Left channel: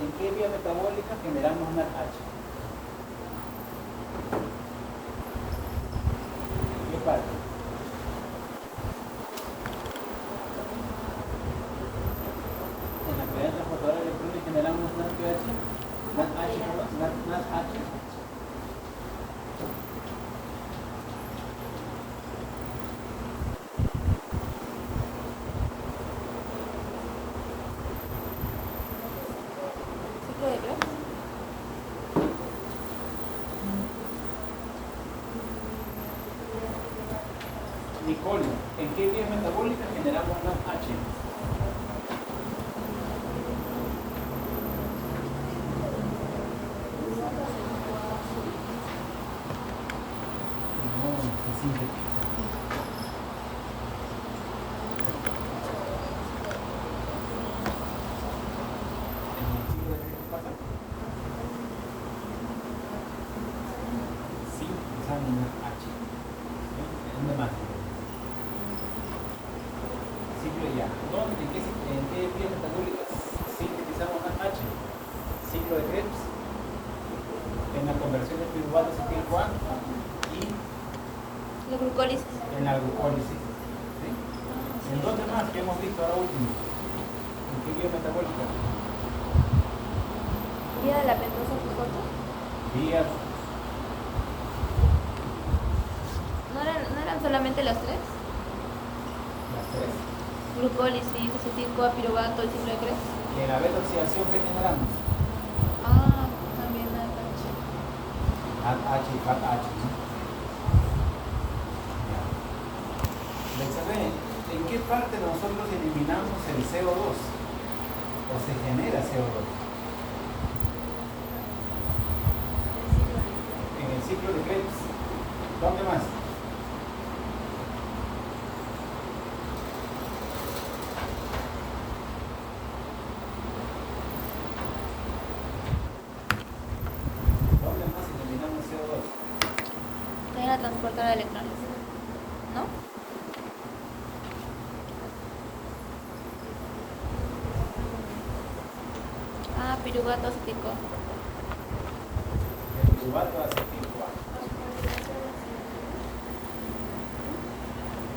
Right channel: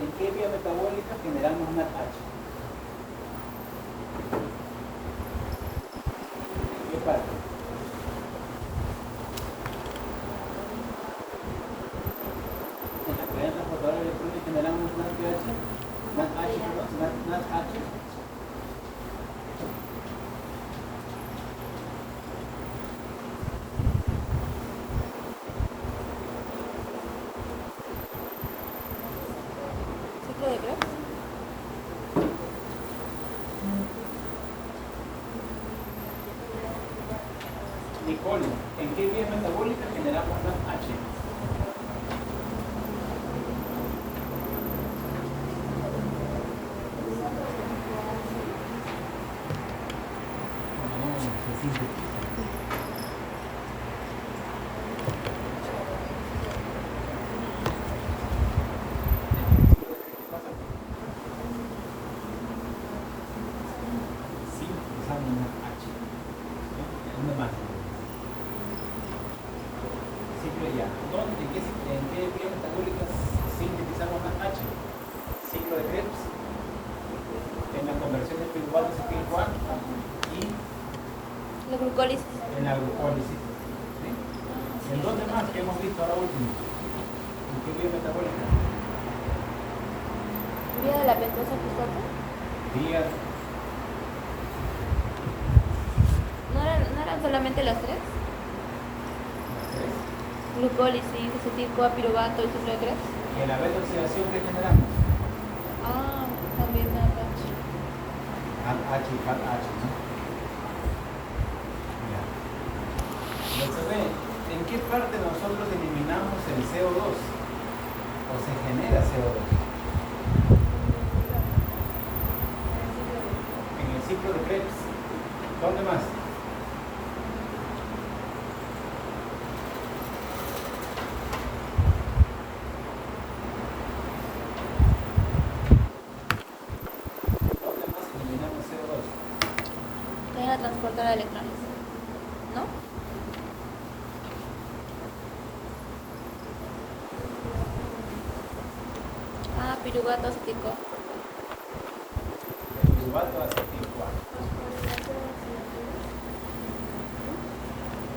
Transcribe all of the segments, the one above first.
¿En qué vía metabólica generamos NADH? ¿Qué parte? En la cadena transportadora electrónica generamos NADH, NADH. ¿Ciclo de Krebs? Nicole, ¿en qué vía metabólica generamos NADH? Sintetizando NADH. ¿Dónde más? Ciclo ya. ¿Dónde? ¿En qué vía metabólica sintetizamos NADH? Ciclo de Krebs, en la conversión de piruvato a acetil-CoA y La glucólisis. en la glucólisis. ¿Sí? ¿En dónde más que hemos visto ahora último? ¿En qué vía metabólica? ¿Vía de la pentosa fosfato? Vías. ¿No eran solamente los tres? Las tres. Glucólisis, acetil-CoA, piruvato y ciclo de Krebs. Y en la beta oxidación que generamos, Ah, también NADH. H y FAT-H, ¿no? Ya. Entonces, ¿en qué parte nosotros eliminamos el CO2? ¿O se genera CO2? En el ciclo de Krebs. ¿Dónde más? ¿Dónde más eliminamos CO2? También la transportadora de electrones. ¿No? Ah, piruvato, acetil-CoA. El piruvato a acetil-CoA.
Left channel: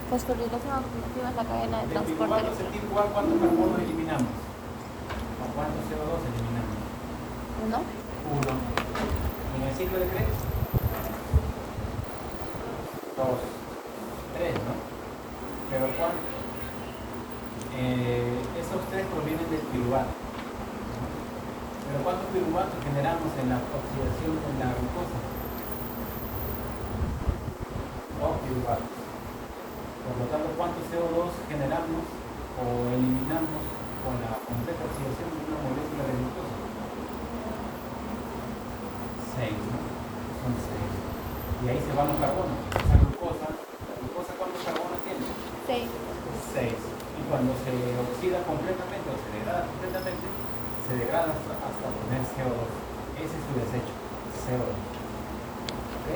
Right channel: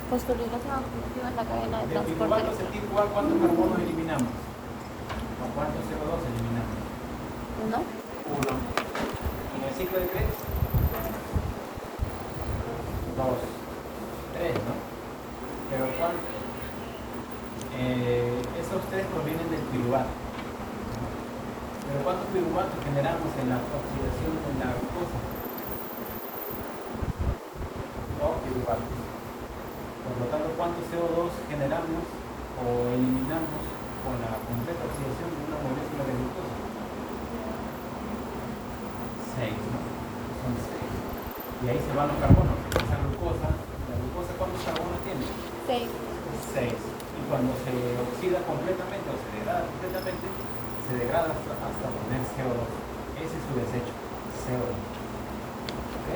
Fosforilación oxidativa es la cadena de Del transporte piruvato a electrónico. acetil-CoA, ¿cuántos carbonos eliminamos? ¿O cuántos CO2 eliminamos? ¿No? Uno. En el ciclo de Krebs, dos, tres, ¿no? Pero ¿cuántos? Esos tres provienen del piruvato, ¿no? Pero ¿cuántos piruvatos generamos en la oxidación con la glucosa? Dos piruvatos. Por lo tanto, ¿cuántos CO2 generamos o eliminamos con la completa oxidación de una molécula de glucosa? 6, ¿no? Son 6. Y ahí se van los carbonos. Esa glucosa, ¿la glucosa cuántos carbonos tiene? 6. 6. Y cuando se oxida completamente o se degrada completamente, se degrada hasta obtener CO2. Ese es su desecho, CO2. ¿Ok?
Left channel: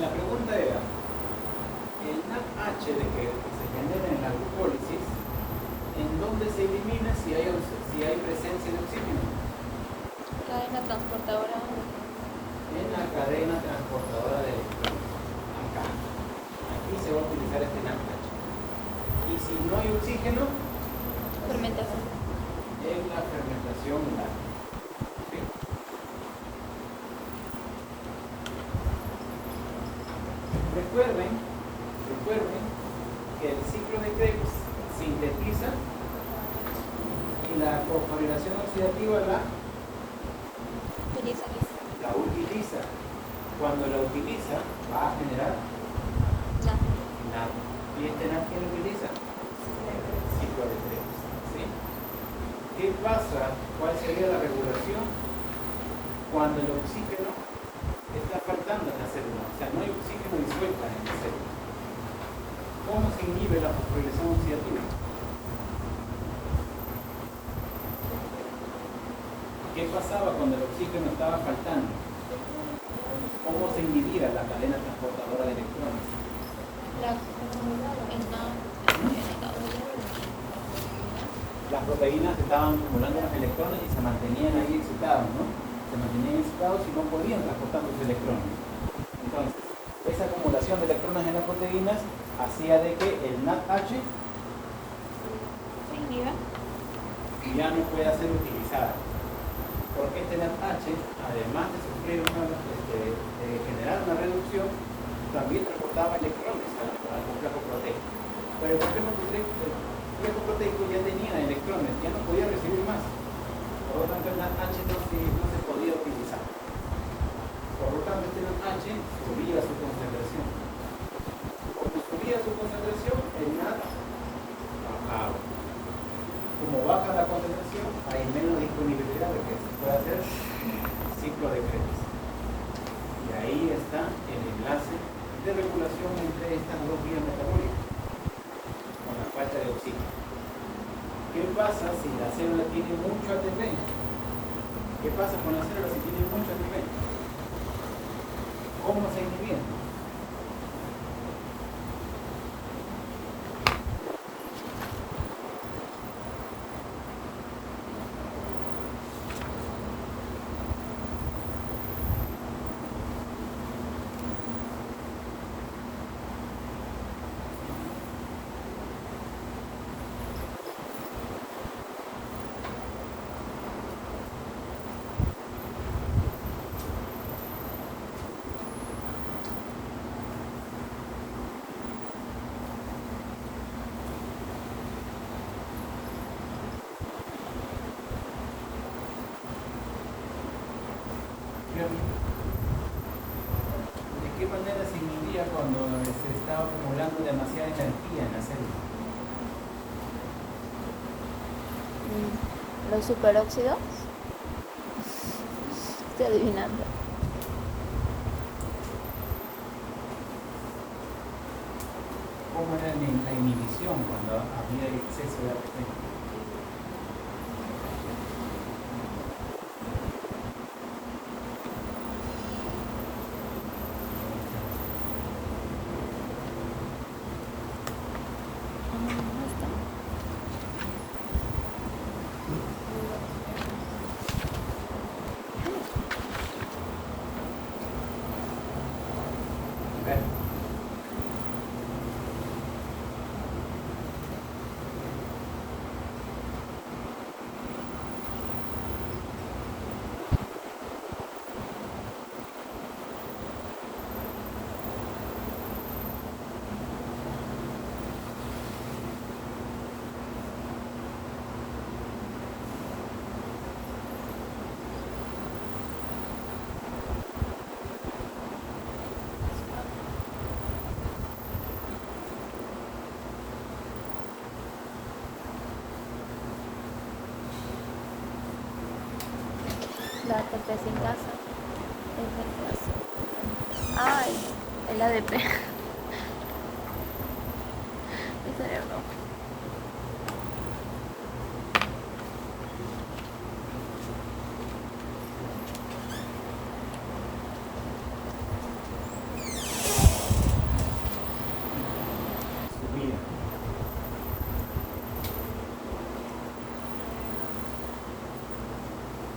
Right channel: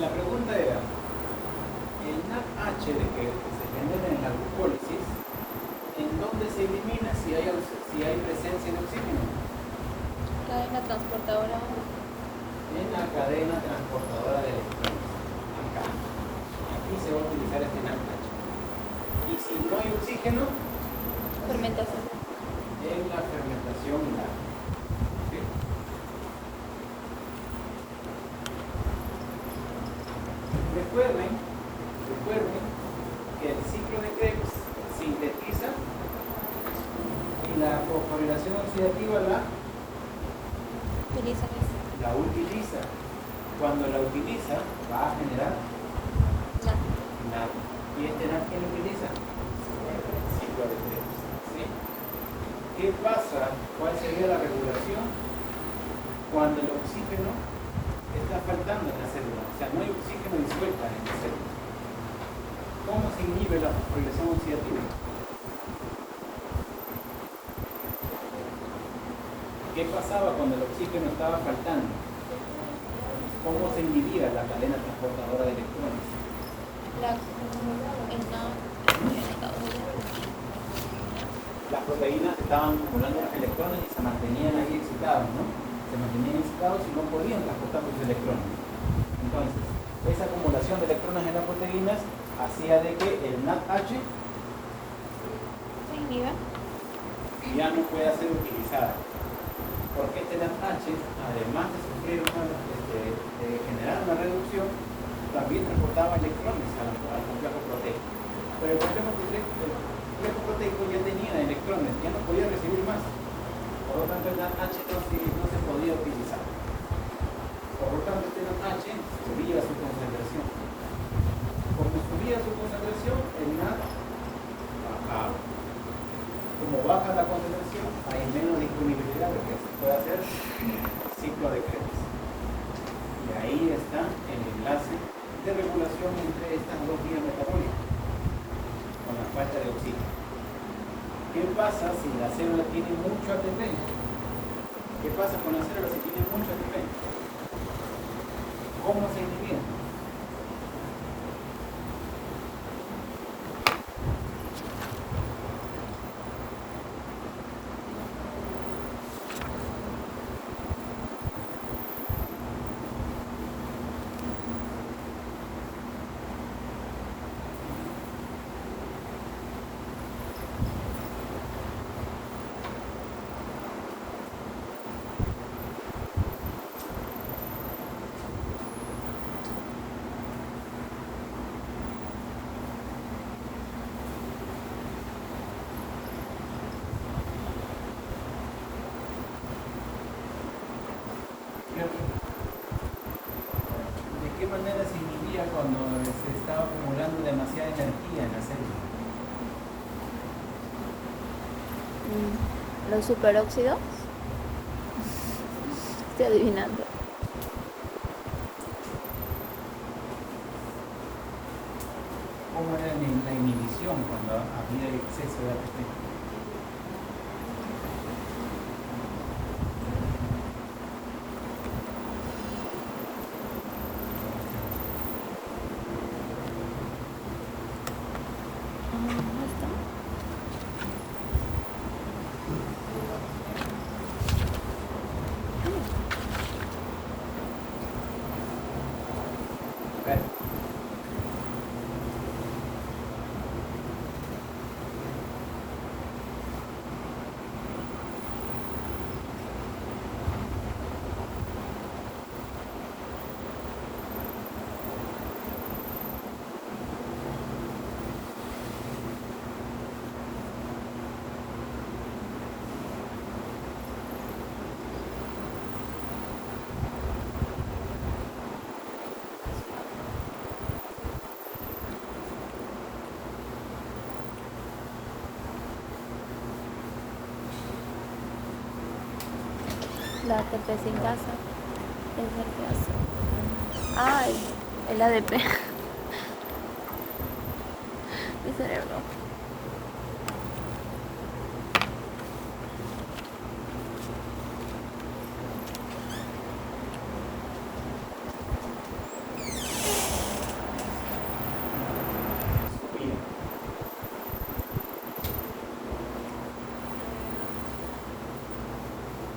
La pregunta era, el NADH que se genera en la glucólisis, ¿en dónde se elimina si hay presencia de oxígeno? Cadena transportadora. En la cadena transportadora de electrones. Acá. Aquí se va a utilizar este NADH. Y si no hay oxígeno, Fermentación. en la fermentación molar. ¿Sí? Recuerden que el ciclo de Krebs sintetiza y la fosforilación oxidativa la utiliza. Cuando la utiliza, va a generar NAD. ¿Y este NAD quién lo utiliza? Ciclo de Krebs. ¿Sí? ¿Qué pasa? ¿Cuál sería la regulación? Cuando el oxígeno está faltando en la célula, o sea, no hay oxígeno disuelta en la célula. ¿Cómo se inhibe la fosforilación oxidativa? ¿Qué pasaba cuando el oxígeno estaba faltando? ¿Cómo se inhibía la cadena transportadora de electrones? Las proteínas estaban acumulando electrones y se mantenían ahí excitados, ¿no? Se mantenían excitados y no podían transportar los electrones. Entonces, esa acumulación de electrones en las proteínas hacía de que el NADH ya no pueda ser utilizado. Porque este NADH, además de sufrir de generar una reducción, también transportaba electrones al complejo proteico. Pero el complejo proteico ya tenía electrones, ya no podía recibir más. Por lo tanto, el NADH no se podía utilizar. Por lo tanto, este NADH subía su concentración. Como subía su concentración, el NAD bajaba. Como baja la concentración, hay menos disponibilidad de que se pueda hacer ciclo de Krebs. Y ahí está el enlace de regulación entre estas dos vías metabólicas, con la falta de oxígeno. ¿Qué pasa si la célula tiene mucho ATP? ¿Qué pasa con la célula si tiene mucho ATP? ¿Cómo se impide? ¿De qué manera se influía cuando se estaba acumulando demasiada energía en la célula? Los superóxidos. Estoy adivinando. ¿Cómo era la inhibición cuando había exceso de ATP? La ATP sin casa. Es el que hace. Ay, el ADP. Mi cerebro.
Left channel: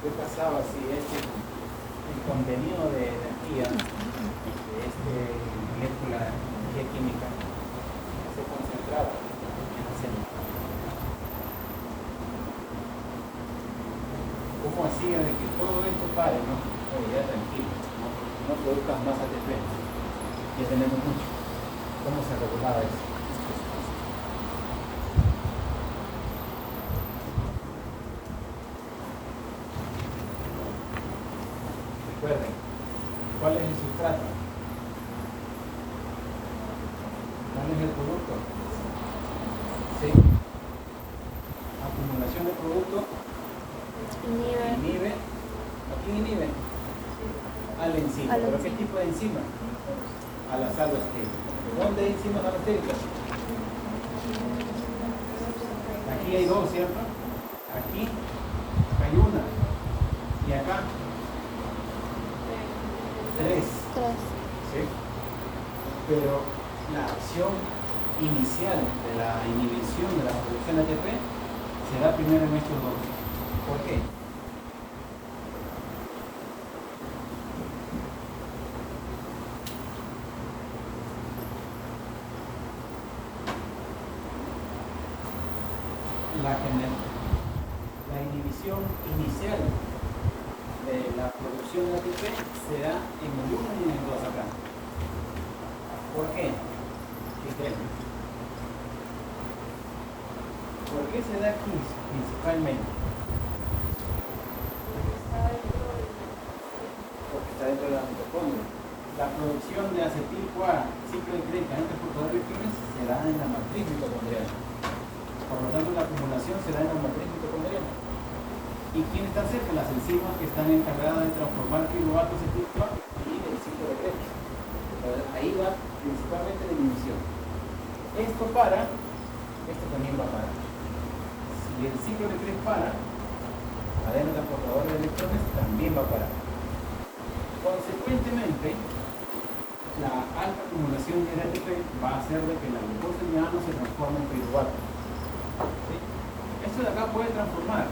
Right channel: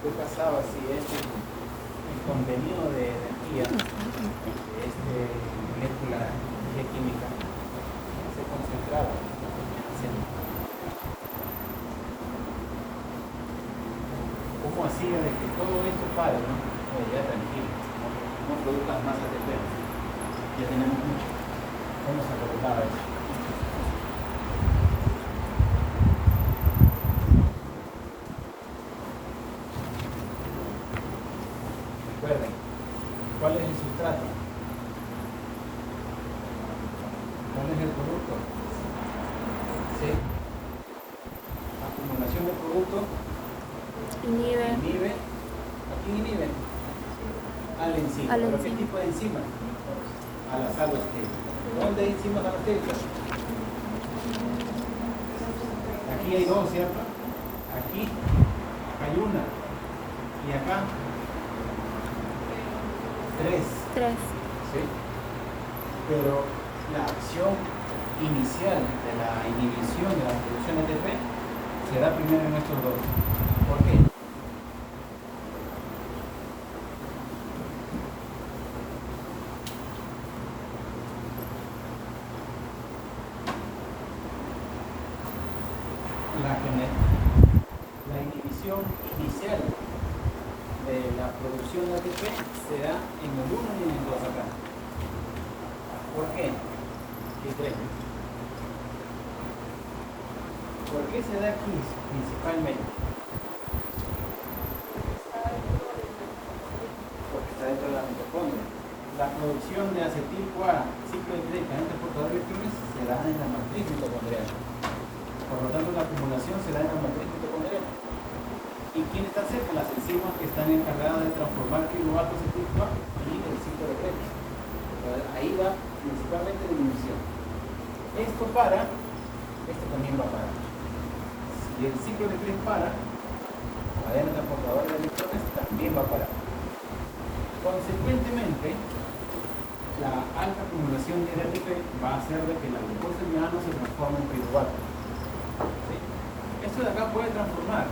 ¿Qué pasaba si el contenido de energía de molécula química se concentraba en la célula? ¿Cómo hacía de que todo esto pare, no? Oye, ya tranquilo, no produzcas más ATP, ya tenemos mucho. ¿Cómo se regulaba eso? Recuerden, ¿cuál es el sustrato? ¿Cuál es el producto? ¿Sí? Acumulación de producto inhibe. ¿A quién inhibe? Al enzima. ¿Pero qué tipo de enzima? A las alostérica. ¿Dónde hay enzimas alostéricas? Aquí hay dos, ¿cierto? Aquí hay una. Y acá. Tres. 3. ¿Sí? Pero la acción inicial de la inhibición de la producción de ATP se da primero en estos dos. ¿Por qué? La inhibición inicial de la producción de ATP se da en el 1 y en el 2 acá. ¿Por qué? ¿Por qué se da aquí principalmente? Porque está dentro de la mitocondria. La producción de acetil-CoA, ciclo de Krebs, agentes portadores de fibras, se da en la matriz mitocondrial. Por lo tanto, la acumulación se da en la matriz mitocondrial. ¿Y quién está cerca? Las enzimas que están encargadas de transformar piruvato acetil-CoA y el ciclo de Krebs. Entonces, ahí va principalmente la inhibición. Esto para, esto también va a parar. Si el ciclo de Krebs para, la cadena transportadora de electrones también va a parar. Consecuentemente, la alta acumulación de ATP va a hacer de que la glucosa ya no se transforme en piruvato. ¿Sí? Esto de acá puede transformar.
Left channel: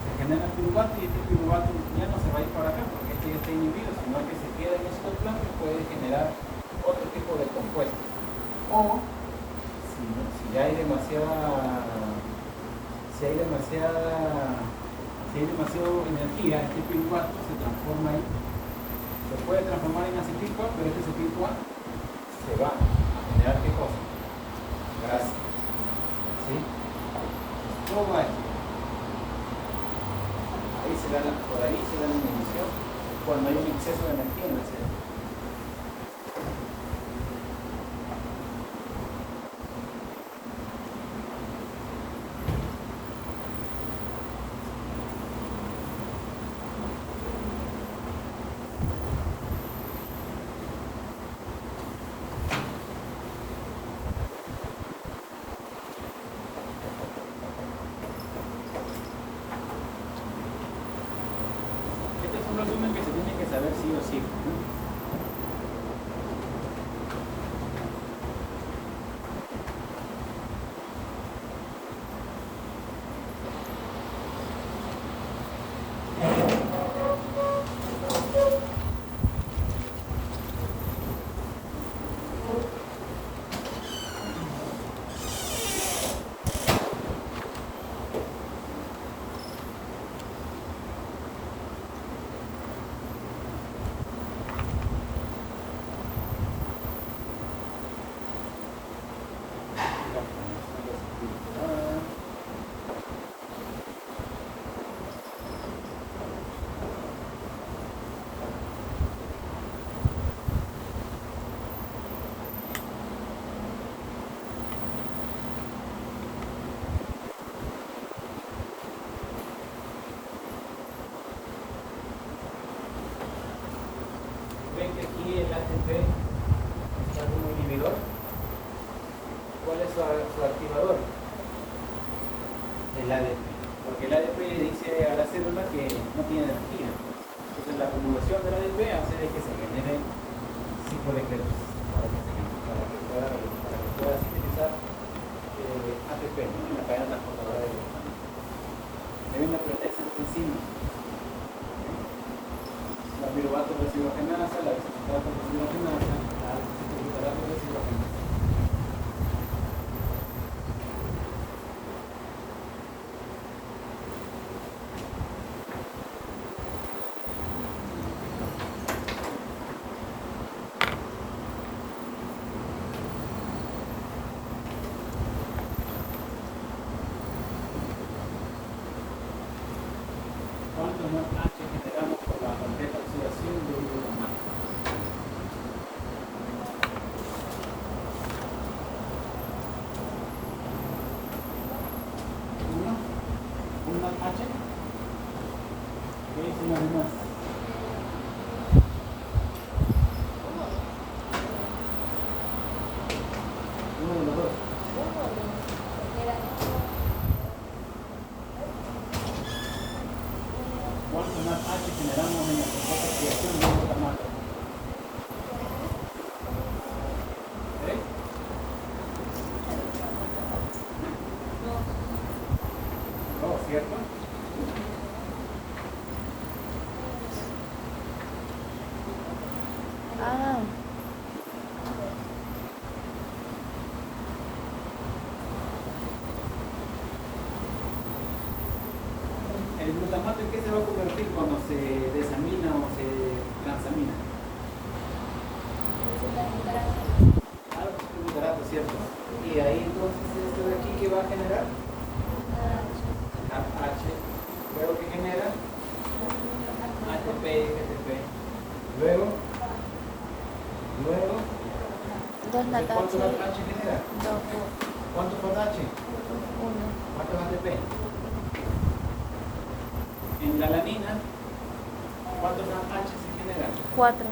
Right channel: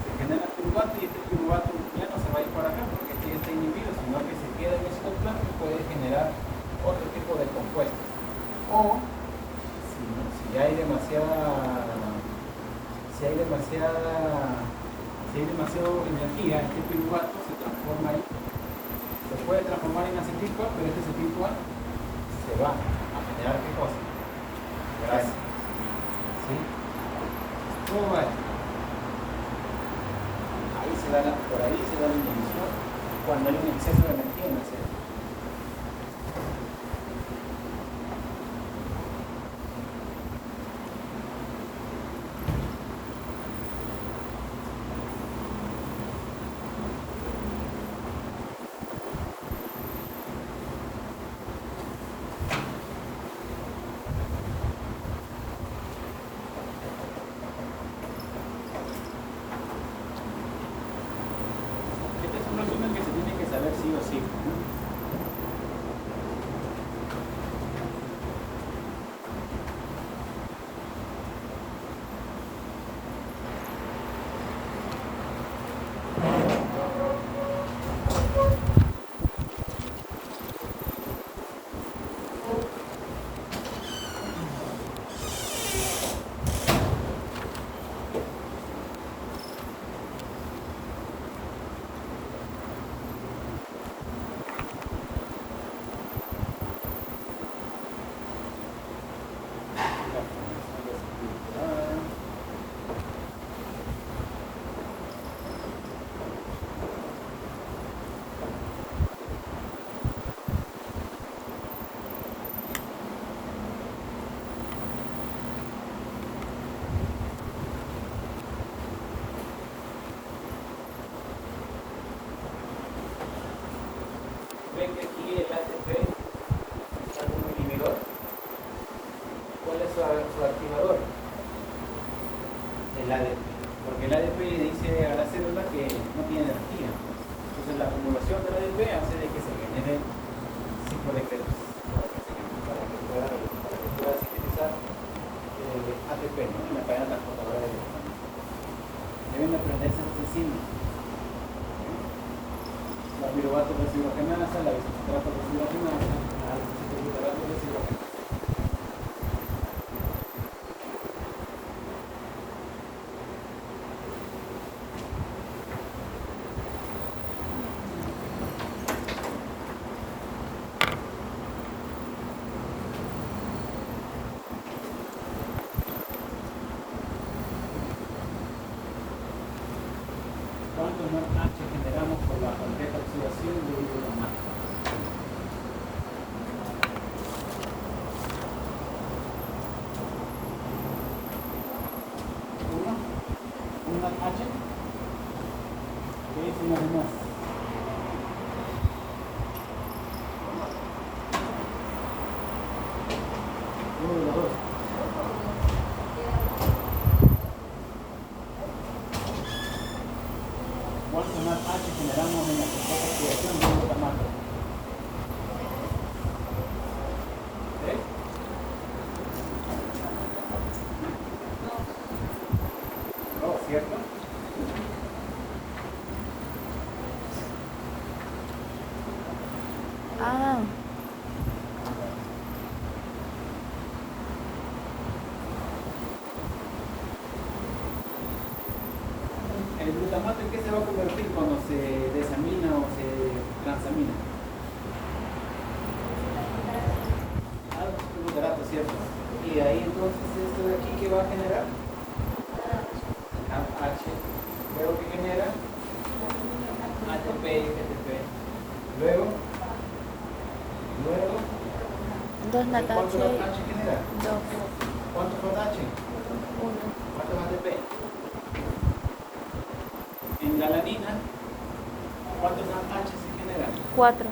Se genera piruvato y este piruvato ya no se va a ir para acá porque este ya está inhibido, sino que se queda en ese plano que puede generar otro tipo de compuestos. O si hay demasiada energía, este piruvato se transforma ahí. Se puede transformar en acetil-CoA, pero este acetil-CoA se va a generar ¿qué cosa? Grasa. ¿Sí? ¿Cómo va esto? Por ahí se da la inhibición cuando hay un exceso de energía en el cerebro. Que se tiene que saber sí o sí. Ven que aquí el ATP es algún inhibidor. ¿Cuál es su activador? El ADP. Porque el ADP le dice a la célula que no tiene energía. Entonces la acumulación del ADP hace de que se genere ciclo de Krebs para que pueda sintetizar ATP, ¿no? En la cadena transportadora de electrones. Hay una presencia esta enzima. La piruvato residuogenasa, la bicicleta residuogenasa, la bicicleta residuogenasa. ¿Cuántos más H generamos por la completa oxidación de hidrogenasa? ¿Un más H? ¿Qué es una de más? Uno de los dos. ¿Cuánto más H generamos en la completa oxidación de hidrogenasa? ¿El glutamato en qué se va a convertir cuando se desamina o se transamina? Glutarato, ¿cierto? Y ahí entonces esto de aquí, ¿qué va a generar? H. Luego que genera ATP y GTP. Luego, Dos ¿cuánto natache, H genera? dos, ¿Cuánto fue H? uno, ¿Cuánto es ATP? En la alanina, ¿cuántos H se generan? cuatro,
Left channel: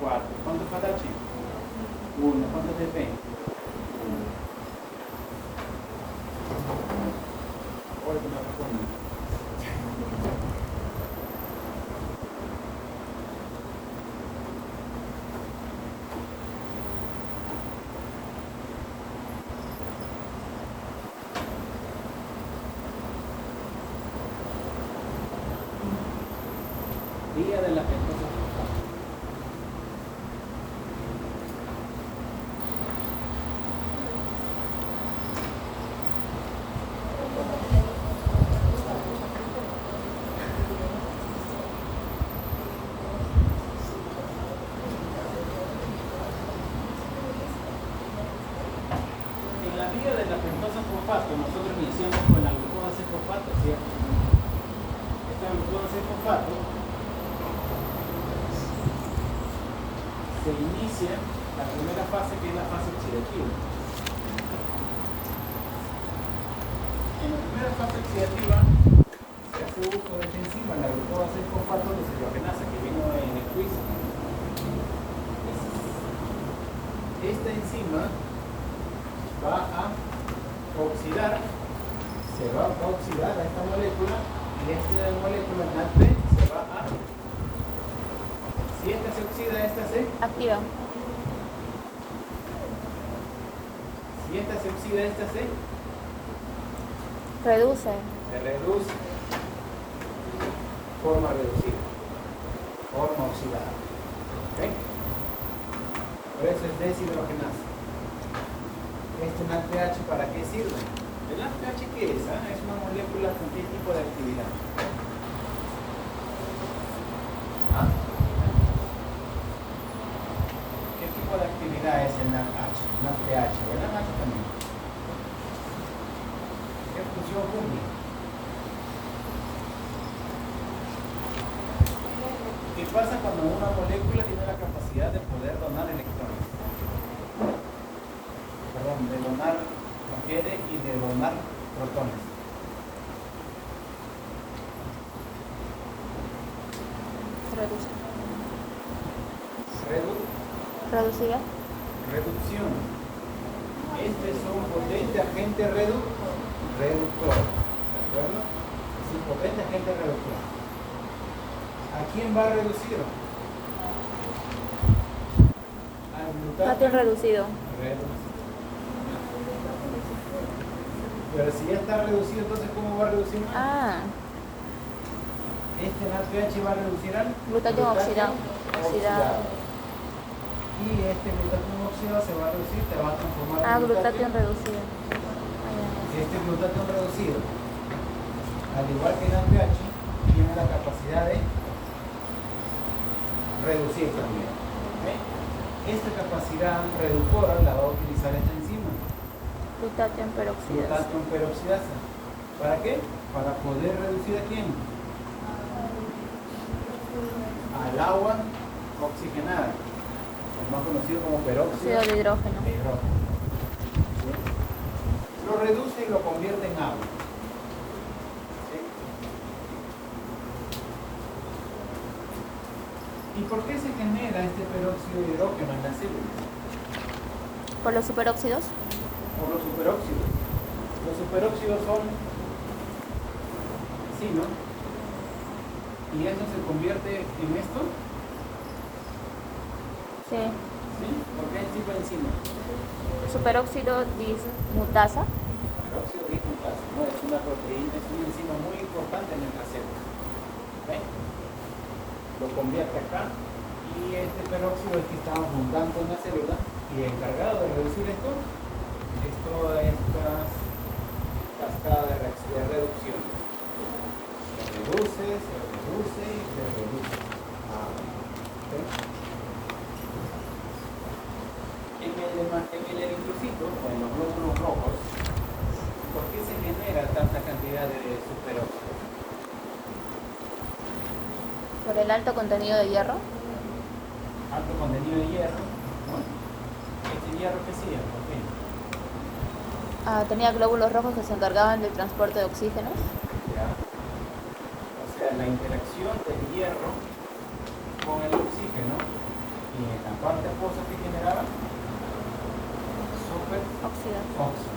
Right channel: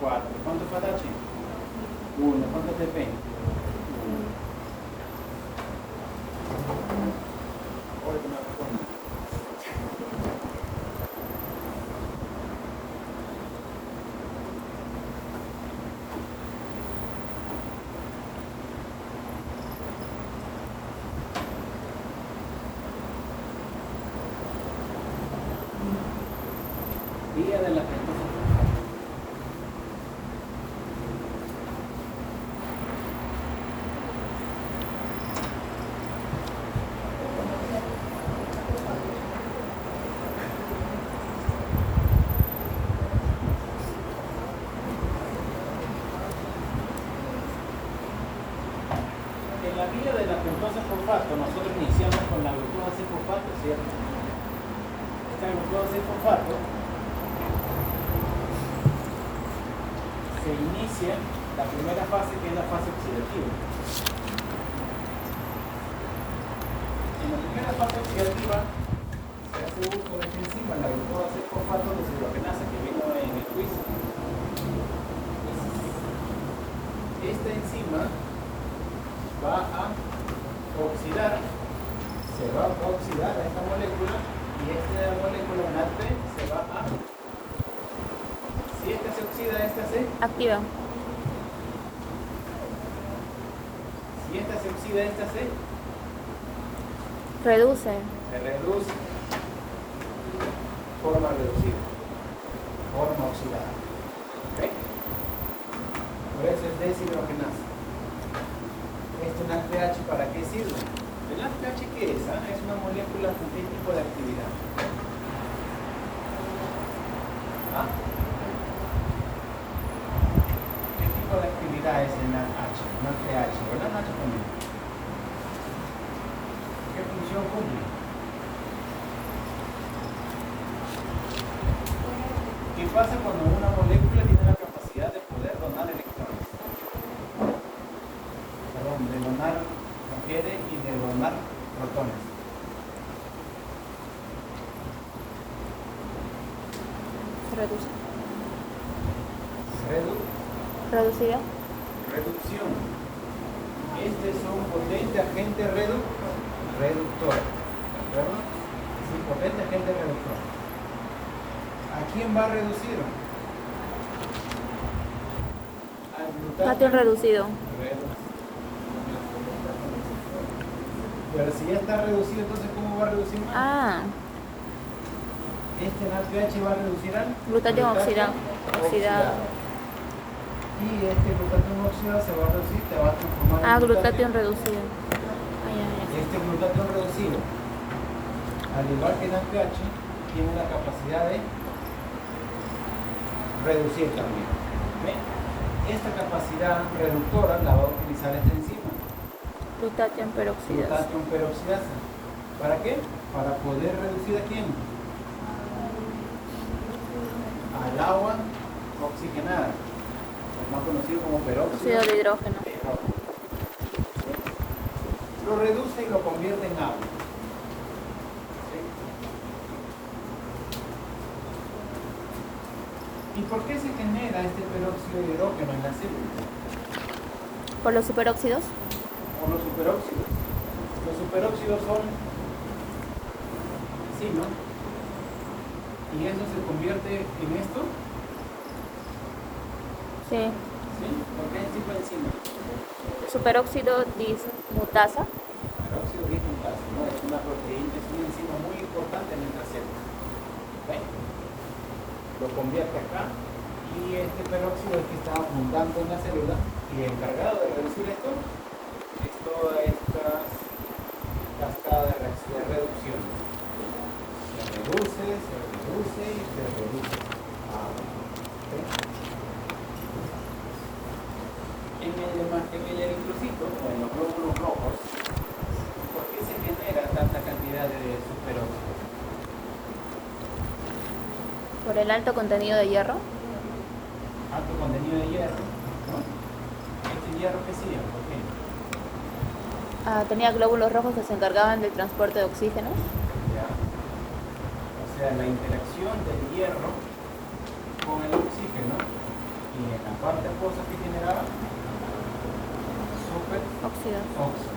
4. ¿Cuánto fue H? 1. ¿Cuánto ATP? uno. Hoy que me responde. Día de la pentosa. En la vía de la pentosa fosfato, nosotros iniciamos con la glucosa 6-fosfato, ¿cierto? Esta glucosa 6-fosfato se inicia la primera fase, que es la fase oxidativa. En la primera fase oxidativa se hace uso de esta enzima, la glucosa 6-fosfato deshidrogenasa, que vino en el quiz. Esta enzima va a oxidar, se va a oxidar a esta molécula, y esta molécula en ATP se va a... Si esta se oxida, esta se... Activa. Si esta se oxida, esta se... Reduce. Se reduce. Forma reducida. Forma oxidada. ¿Ok? Por eso es deshidrogenasa. ¿Este NADPH para qué sirve? ¿El NADPH qué es? Es una molécula con qué tipo de actividad. ¿Ah? ¿Qué tipo de actividad es el NADPH? NADPH, ¿verdad? NADPH también. ¿Qué función cumple? ¿Qué pasa cuando una molécula tiene la capacidad de poder donar electrones? Perdón, de donar refiere y de donar protones. Reduce. Reducción. Reducida. Este es un potente agente reductor. ¿De acuerdo? Es un potente agente reductor. ¿A quién va reducido? Al Glutatión reducido. Pero si ya está reducido, entonces ¿cómo va a reducir más? Ah, Este NADPH va a reducir al glutatión oxidado. Y este glutatión oxidado se va a reducir, te va a transformar en Glutatión reducido. Ahí, Este glutatión reducido, al igual que el NADPH, tiene la capacidad de reducir también. ¿Ve? Esta capacidad reductora la va a utilizar esta enzima. glutatión peroxidasa. Glutatión peroxidasa. ¿Para qué? Para poder reducir a quién? Al agua oxigenada, más conocido como peróxido Óxido de hidrógeno. de hidrógeno. Lo reduce y lo convierte en agua. ¿Sí? ¿Y por qué se genera este peróxido de hidrógeno en la célula? Por los superóxidos. Por los superóxidos. Los superóxidos son sí, ¿no? ¿Y esto se convierte en esto? Sí. ¿Sí? ¿Por qué es tipo de enzima? Superóxido dismutasa. Peróxido dismutasa, ¿no? Es una proteína, es una enzima muy importante en nuestra célula. ¿Ok? Lo convierte acá y este peróxido es que está abundando en la célula y encargado de reducir esto es toda esta cascada de reducciones. reduce y se reduce. ¿Okay? En el eritrocito, o en los glóbulos rojos, ¿por qué se genera tanta cantidad de superóxido? Por el alto contenido de hierro. Alto contenido de hierro, ¿no? ¿El hierro qué sigue? ¿Por qué? Tenía glóbulos rojos que se encargaban del transporte de oxígeno. Ya. O sea, la interacción del hierro con el oxígeno y en las cuantas cosas que generaban Óxido. óxido.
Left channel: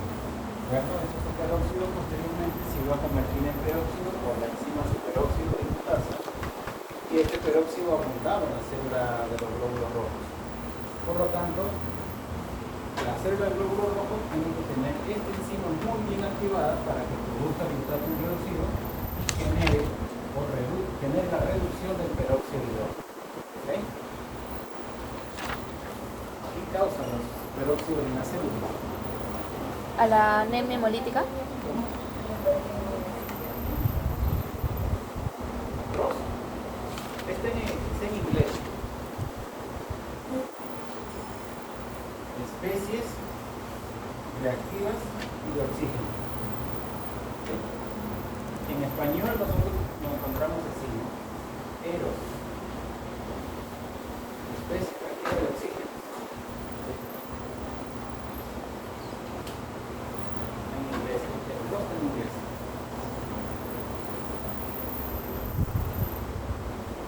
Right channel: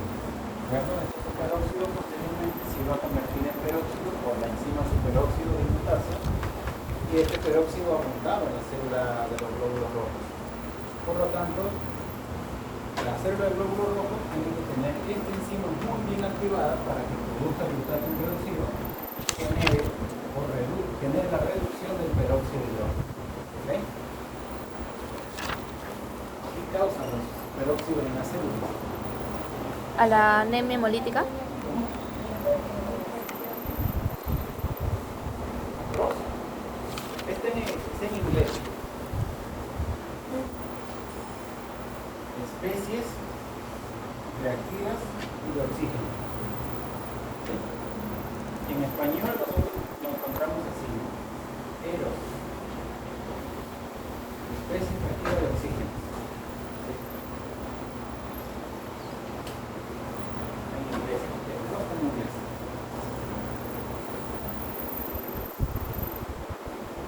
Bueno, ese superóxido posteriormente se iba a convertir en peróxido por la enzima superóxido de dismutasa y este peróxido abundaba en la célula de los glóbulos rojos. Por lo tanto, la célula del glóbulo rojo tiene que tener esta enzima muy bien activada para que produzca glutato peróxido y genere la reducción del peróxido de hidrógeno. ¿Okay? ¿Qué causan los peróxidos en la célula? A la anemia hemolítica. Rosa. Este en inglés. Especies reactivas y de oxígeno. ¿Okay? En español nosotros lo encontramos así, ¿no? Eros. Especies reactivas de oxígeno. ¿Okay? En inglés, pero no está en inglés.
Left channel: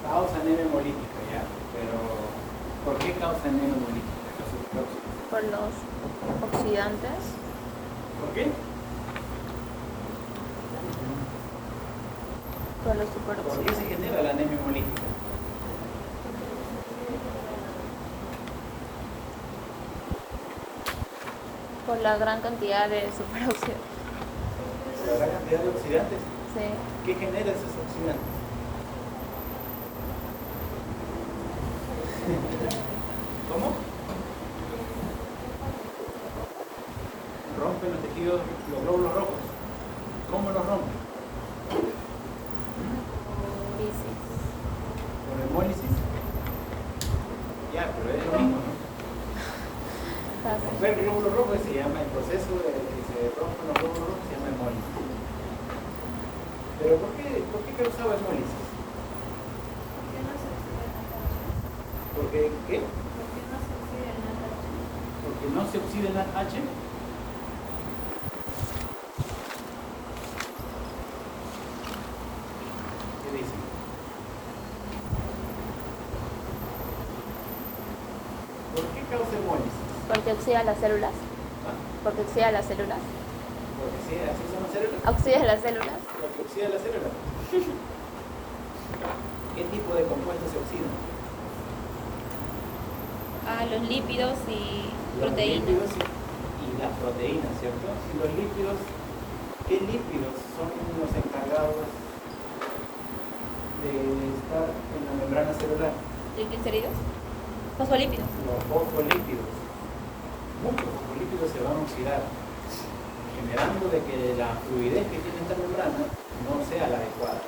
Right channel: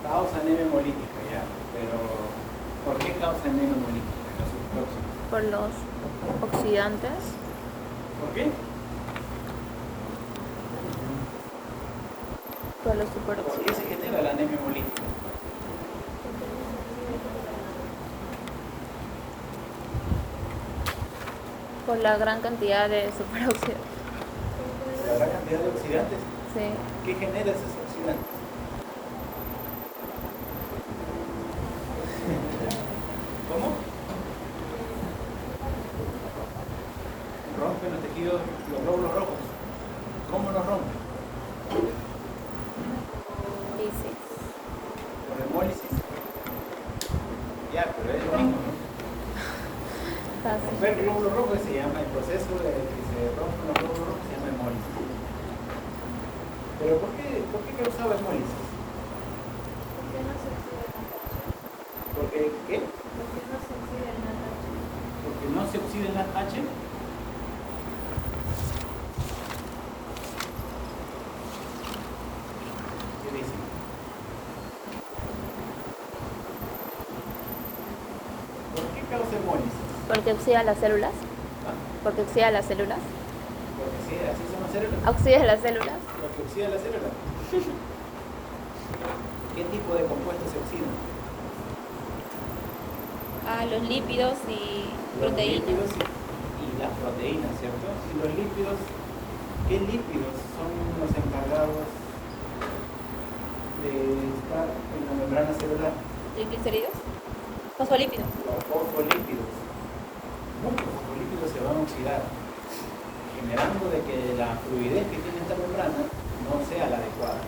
Causa anemia hemolítica, ya, pero ¿por qué causa anemia hemolítica? Los superóxidos. Por los oxidantes. ¿Por qué? Por los ¿Por superóxidos. qué se genera la anemia hemolítica? Por la gran cantidad de superóxidos. La gran cantidad de oxidantes. Sí. ¿Qué genera esos oxidantes? ¿Cómo? Rompen los tejidos, los glóbulos rojos. ¿Cómo los rompen? Dice. ¿Con hemólisis? Ya, pero es lo mismo, ¿no? Romper el glóbulo rojo se llama el proceso de que se rompen los glóbulos rojos, se llama hemólisis. ¿Pero por qué causaba hemólisis? Porque, ¿qué? Porque no se oxida en H. ¿Qué dice? ¿Por qué causa hemólisis? Porque oxida las células. ¿Ah? Porque oxida las células. Porque sí, así son las células. Oxida las células. Porque oxida la célula. ¿Qué tipo de compuestos se oxidan? Los lípidos y Los proteínas. lípidos y las proteínas, ¿cierto? Y los lípidos, ¿qué lípidos son los encargados de estar en la membrana celular? ¿Triglicéridos? Fosfolípidos. Los fosfolípidos. Muchos fosfolípidos se van a oxidar, generando de que la fluidez que tiene esta membrana no sea la adecuada.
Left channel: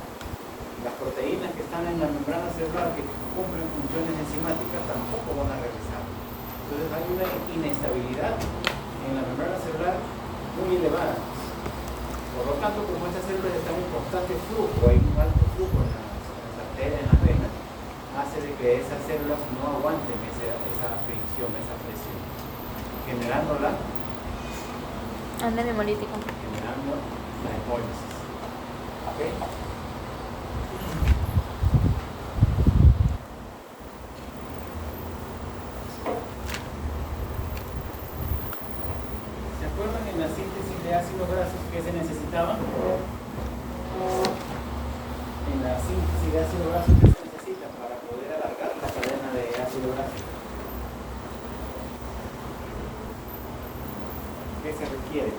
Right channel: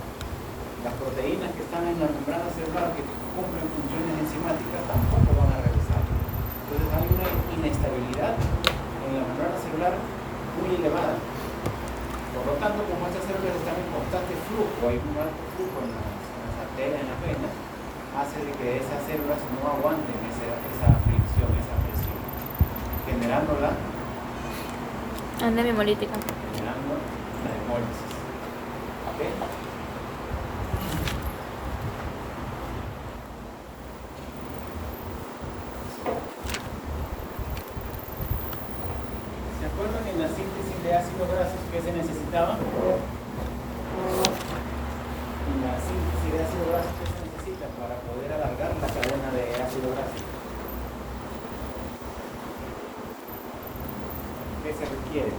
Las proteínas que están en la membrana celular que cumplen funciones enzimáticas tampoco van a regresar. Entonces hay una inestabilidad en la membrana celular muy elevada. Por lo tanto, como estas células están en constante flujo, hay un alto flujo en las arterias, en las venas, hace de que esas células no aguanten esa fricción, esa presión, generando la Anemia hemolítica. hemólisis. ¿Ok? ¿Se acuerdan en la síntesis de ácidos grasos que se necesitaba? En la síntesis de ácidos grasos que se necesita para poder alargar la cadena de ácido graso. ¿Qué se requiere?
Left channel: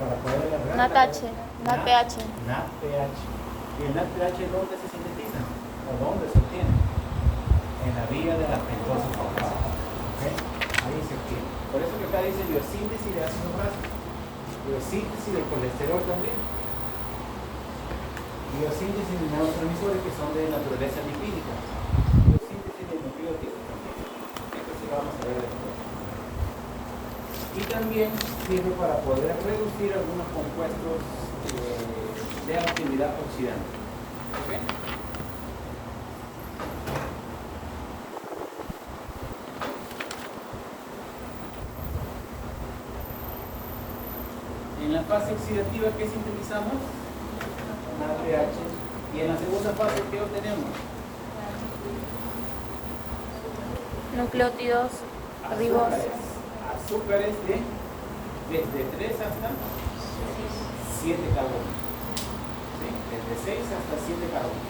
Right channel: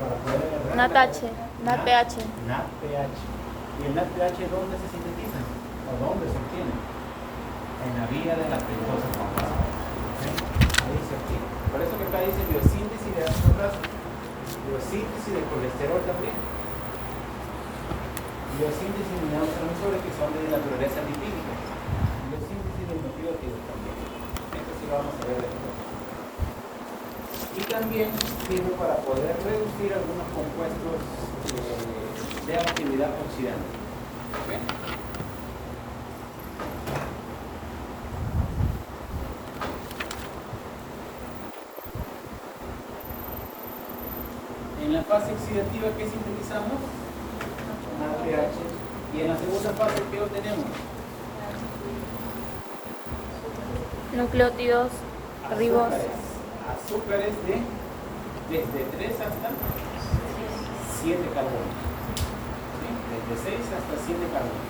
Para poder alargar NADH. NADPH. NADPH. ¿Y el NADPH dónde se sintetiza? ¿O dónde se obtiene? En la vía de la pentosa fosfata. ¿Okay? Ahí se obtiene. Por eso que acá dice biosíntesis de ácidos grasos, biosíntesis de colesterol también. biosíntesis de neurotransmisores que son de naturaleza lipídica, biosíntesis de nucleótidos también. Esto sí lo vamos a ver después. Y también sirve para poder reducir algunos compuestos de actividad oxidante. ¿Okay? En la fase oxidativa, ¿qué sintetizamos? NADPH. Y en la segunda fase, ¿qué obtenemos? Nucleótidos, ribos. Azúcares desde 3 hasta 7 carbonos. ¿Sí? Desde 6 hasta 7 carbonos.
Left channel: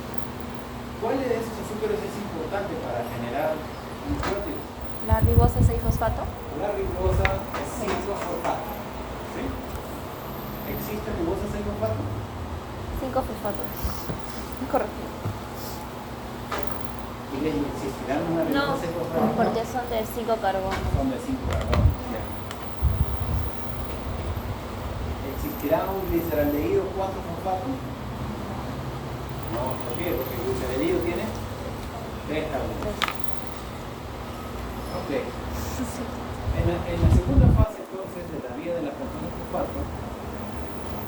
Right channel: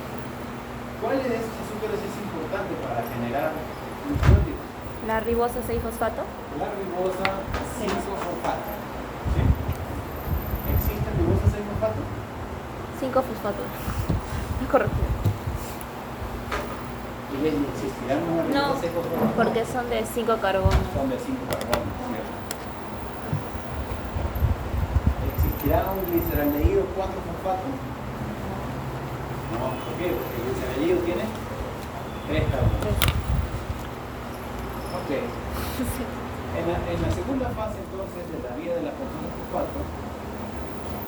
¿Cuál de estos azúcares es importante para generar nucleótidos? La ribosa 6-fosfato. La ribosa 6-fosfato. ¿Sí? ¿Existe ribosa 6-fosfato? 5-fosfato. Es correcto. ¿Y le existirán una No, ribosa 6-fosfato? porque son de 5 carbonos. Son de 5 carbonos. ¿Existirá un gliceraldehído 4-fosfato? No, ¿por qué? Porque el gliceraldehído tiene 3 carbonos. Ok. En la segunda fase entonces de la vía de la función de fosfato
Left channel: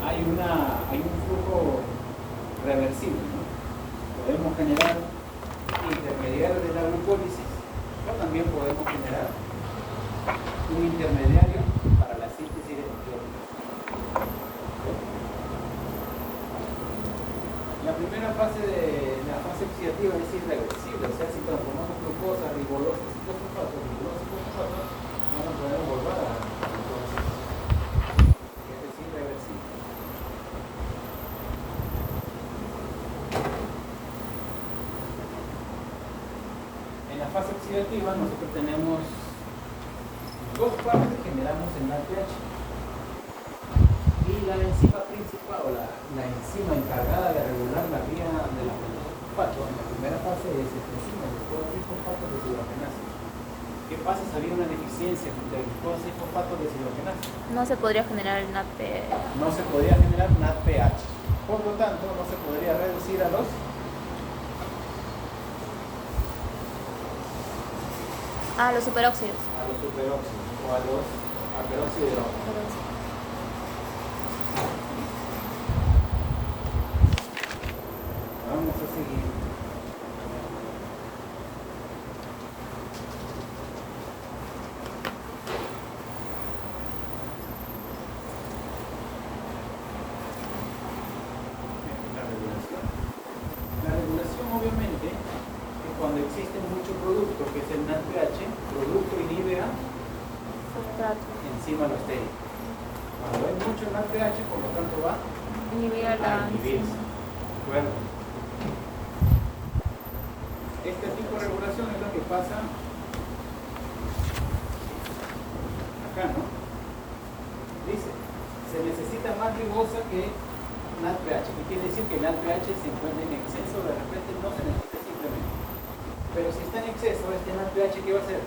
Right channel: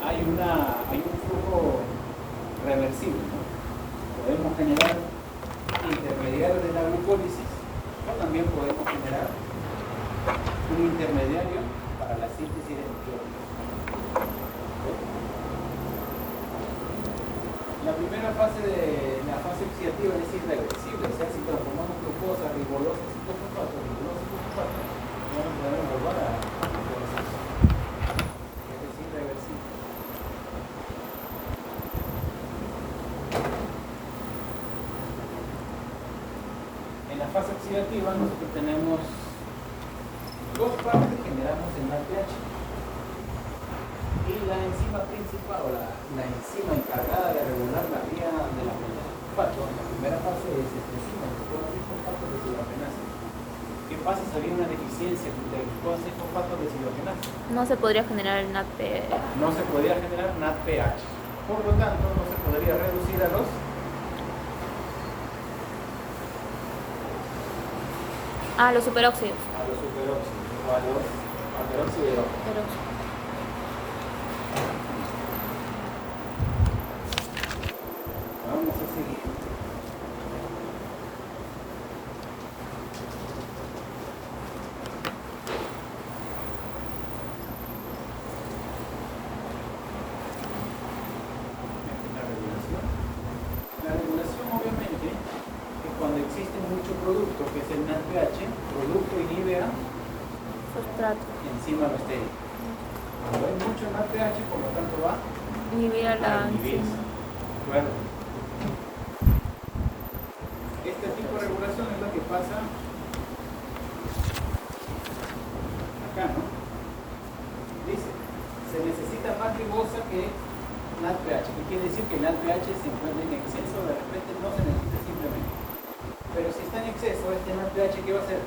hay un flujo reversible, ¿no? Podemos generar intermediarios de la glucólisis, pero también podemos generar un intermediario para la síntesis de nucleótidos. La primera fase de la fase oxidativa es irreversible, o sea, si transformamos glucosa, ribolosa, ciclofosfato, ya no podemos volver a glucosa. Es irreversible. En la fase oxidativa nosotros tenemos dos partes que generamos en NADPH. Y la enzima principal, o la enzima encargada de regular la vía de la fosfato, en la primera fase es esta enzima, después de fosfato de deshidrogenasa. ¿Qué pasa si había una deficiencia de glucosa y fosfato de deshidrogenasa? No se podría generar el NADP. No se podría generar NADPH. Por lo tanto, no se podría reducir a los superóxidos. superóxidos o a los peróxidos de hidrógeno. Vamos a seguir. La regulación obviamente es cuando existe mucho producto, que es el NADPH, producto inhibe a enzima alostérica. Cuando hay mucho NADPH, por lo tanto va Inhibir a la a inhibirse. enzima. Bueno. Este tipo de regulación es lo que pasa acá, ¿no? Dice, se necesita más ribosa que NADPH. ¿Qué quiere decir? Que el NADPH se encuentra en exceso, de repente no se necesita simplemente. Pero si está en exceso, este NADPH, ¿qué va a hacer?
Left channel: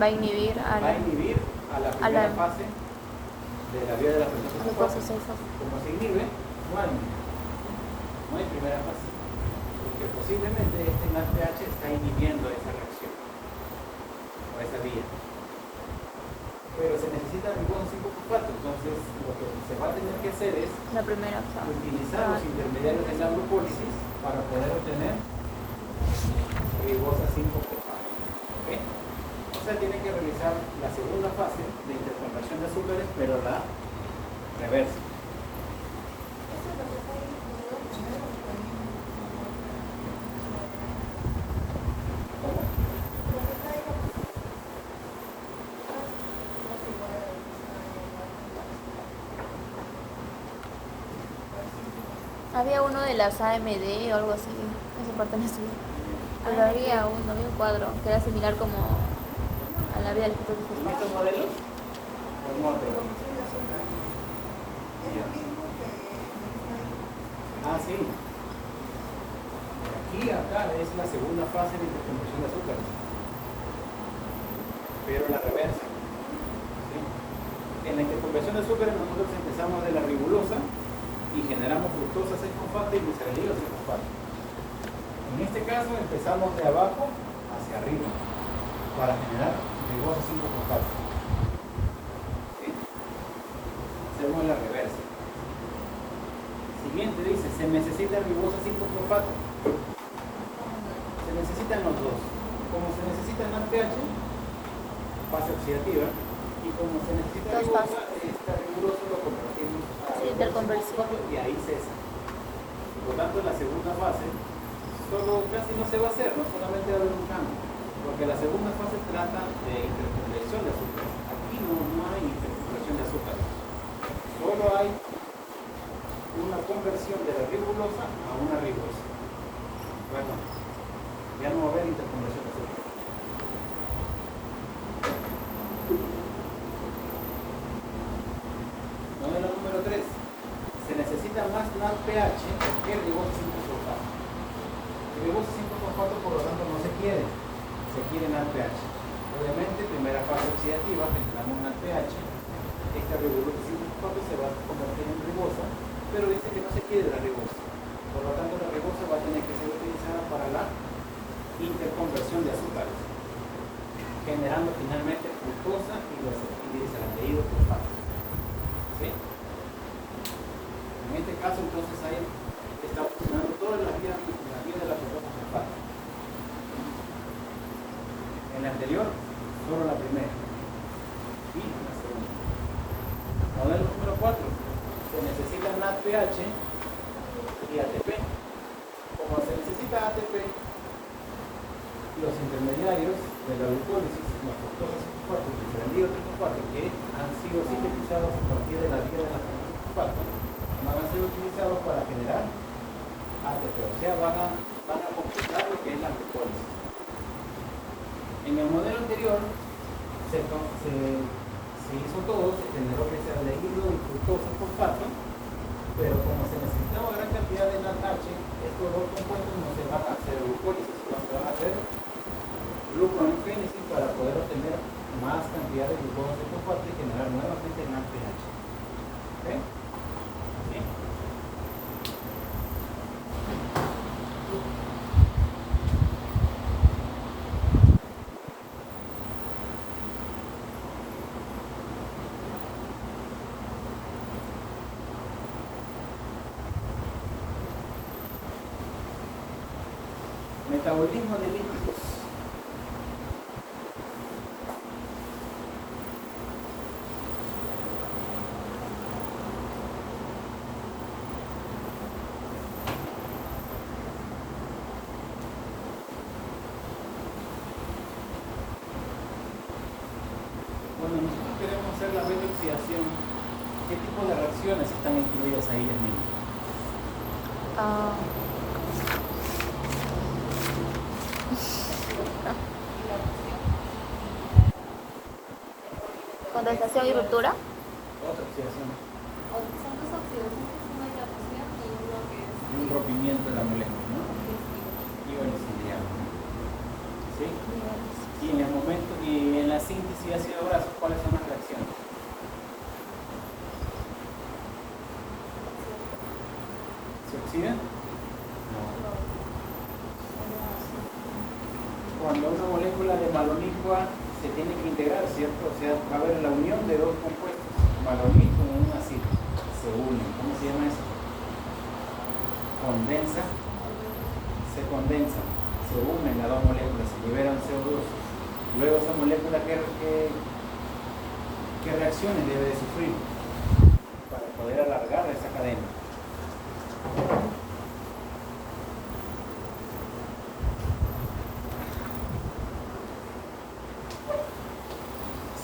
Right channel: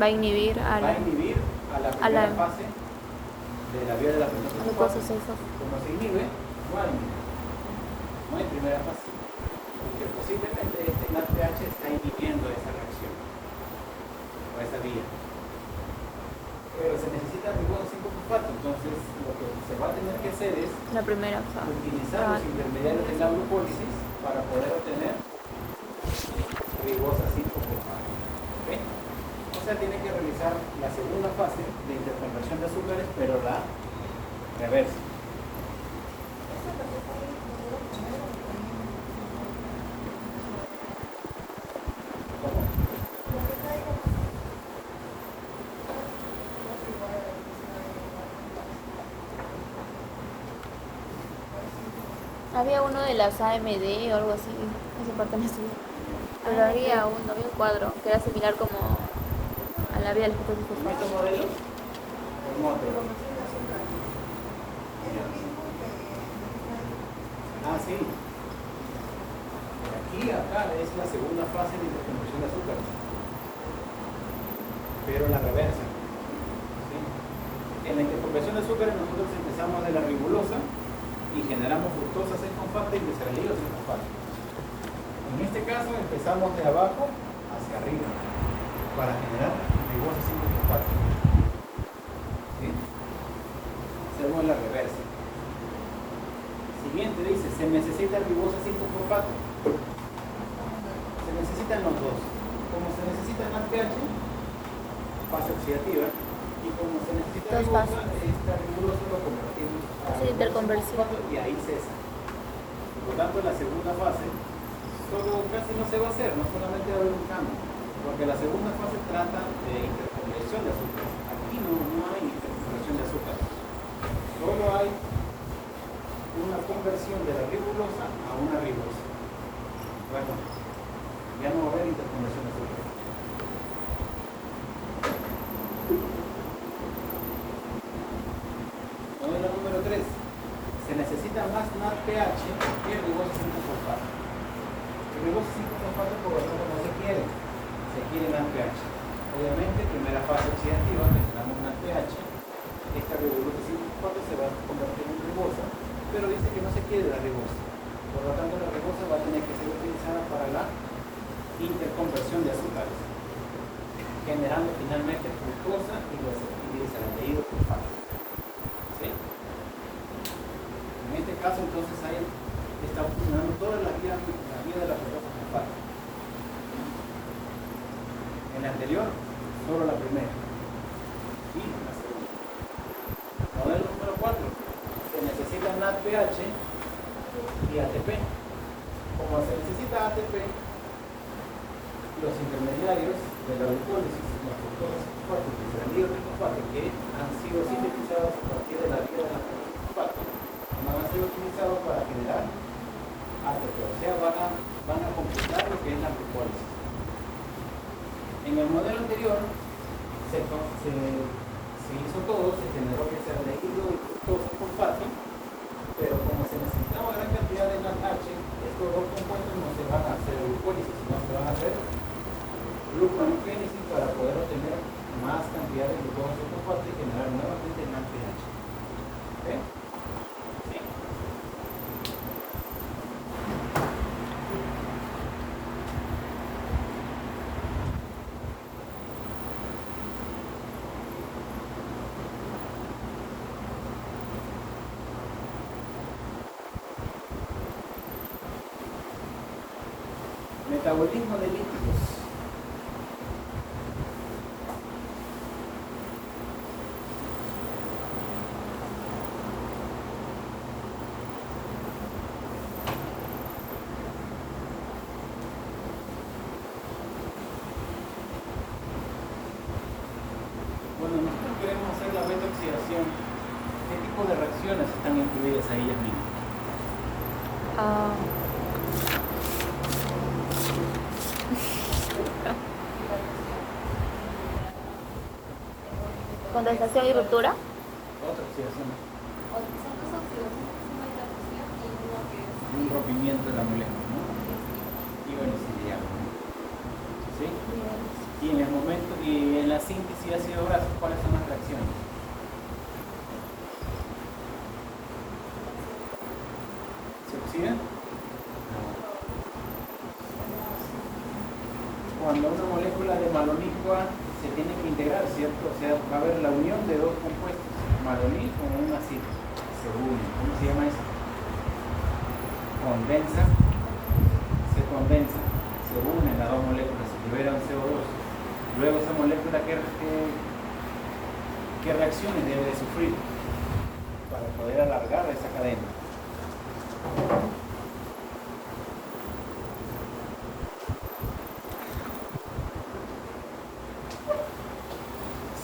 Va a inhibir a Va la a inhibir a la primera fase de la vía de la glucosa 6-fosfato. Como se inhibe, no hay inhibición. No hay primera fase. Porque posiblemente este NADPH está inhibiendo esa reacción o esa vía. Pero se necesita ribosa 5-fosfato, entonces lo que se va a tener que hacer es La primera fase. utilizar los intermediarios de la glucólisis para poder obtener ribosa 5-fosfato. ¿Okay? O sea, tiene que realizar la segunda fase de interconversión de azúcares, pero la reversa. ¿Cómo? Había uno de las AMD o algo así, esa parte no estudié. Pero había un cuadro que era similar como a la vía del ¿En este modelo? El modelo. Ah, sí. Aquí, acá es la segunda fase de interconversión de azúcares. Pero la reversa. ¿Sí? En la interconversión de azúcares nosotros empezamos de la ribulosa y generamos fructosa 6-fosfato y gliceraldehído 6-fosfato. En este caso empezamos de abajo hacia arriba para generar ribosa 5-fosfato. ¿Sí? Hacemos la reversa. Si bien tú dices, se necesita ribosa 5-fosfato, se necesitan los dos. Como se necesita más pH, fase oxidativa, y como se necesita ribosa, esta rigurosa lo convertimos a hiperconversión. y ahí cesa. Por lo tanto, la segunda fase solo casi no se va a hacer, no solamente va a haber un cambio, porque la segunda fase trata de interconversión de azúcar. Aquí no hay interconversión de azúcar, solo hay una conversión de la ribulosa a una ribosa. Bueno, ya no va a haber interconversión de azúcar. Modelo número 3. Se necesita más NADPH que ribosa 5-fosfato. El ribosa 5-fosfato por lo tanto no se quiere NADPH. Obviamente, primera fase oxidativa, generamos NADPH, esta ribosa 5-fosfato se va a convertir en ribosa, pero dice que no se quiere la ribosa. Por lo tanto, la ribosa va a tener que ser utilizada para la interconversión de azúcares, generando finalmente fructosa y gliceraldehído fosfato. ¿Sí? En este caso, entonces, ahí está funcionando toda la vía de la fructosa fosfato. En la anterior, solo la primera y la segunda. Modelo número 4. Se necesita NADPH y ATP. Como se necesita ATP, los intermediarios de la glucólisis, la fructosa 5-fosfato y el gliceraldehído 3-fosfato, que han sido sintetizados a partir de la vía de la fructosa 5-fosfato, van a ser utilizados para generar ATP, o sea, van a completar lo que es la glucólisis. En el modelo anterior se hizo todo, se generó gliceraldehído y fructosa fosfato, pero como se necesitaba gran cantidad de NADH, estos dos compuestos no se van a hacer glucólisis, no se van a hacer gluconeogénesis para poder obtener más cantidad de glucosa fosfato y generar nuevamente NADPH. ¿Okay? ¿Sí? Metabolismo de lípidos. Bueno, nosotros queremos hacer la redoxidación. ¿Qué tipo de reacciones están incluidas ahí, Yasmin? Condensación y ruptura. Otra oxidación. Un rompimiento de la molécula, ¿no? Ionizante, ¿no? ¿Sí? Y en el momento, y en la síntesis de ácido graso, ¿cuáles son las reacciones? ¿Se oxidan? No. Cuando una molécula de malonitro se tiene que integrar, ¿cierto? O sea, va a haber la unión de dos compuestos, malonit con un ácido, se unen. ¿Cómo se llama eso? Se condensa, se unen las dos moléculas, se liberan CO2. Luego esa molécula, ¿qué reacciones debe de sufrir para poder alargar esa cadena?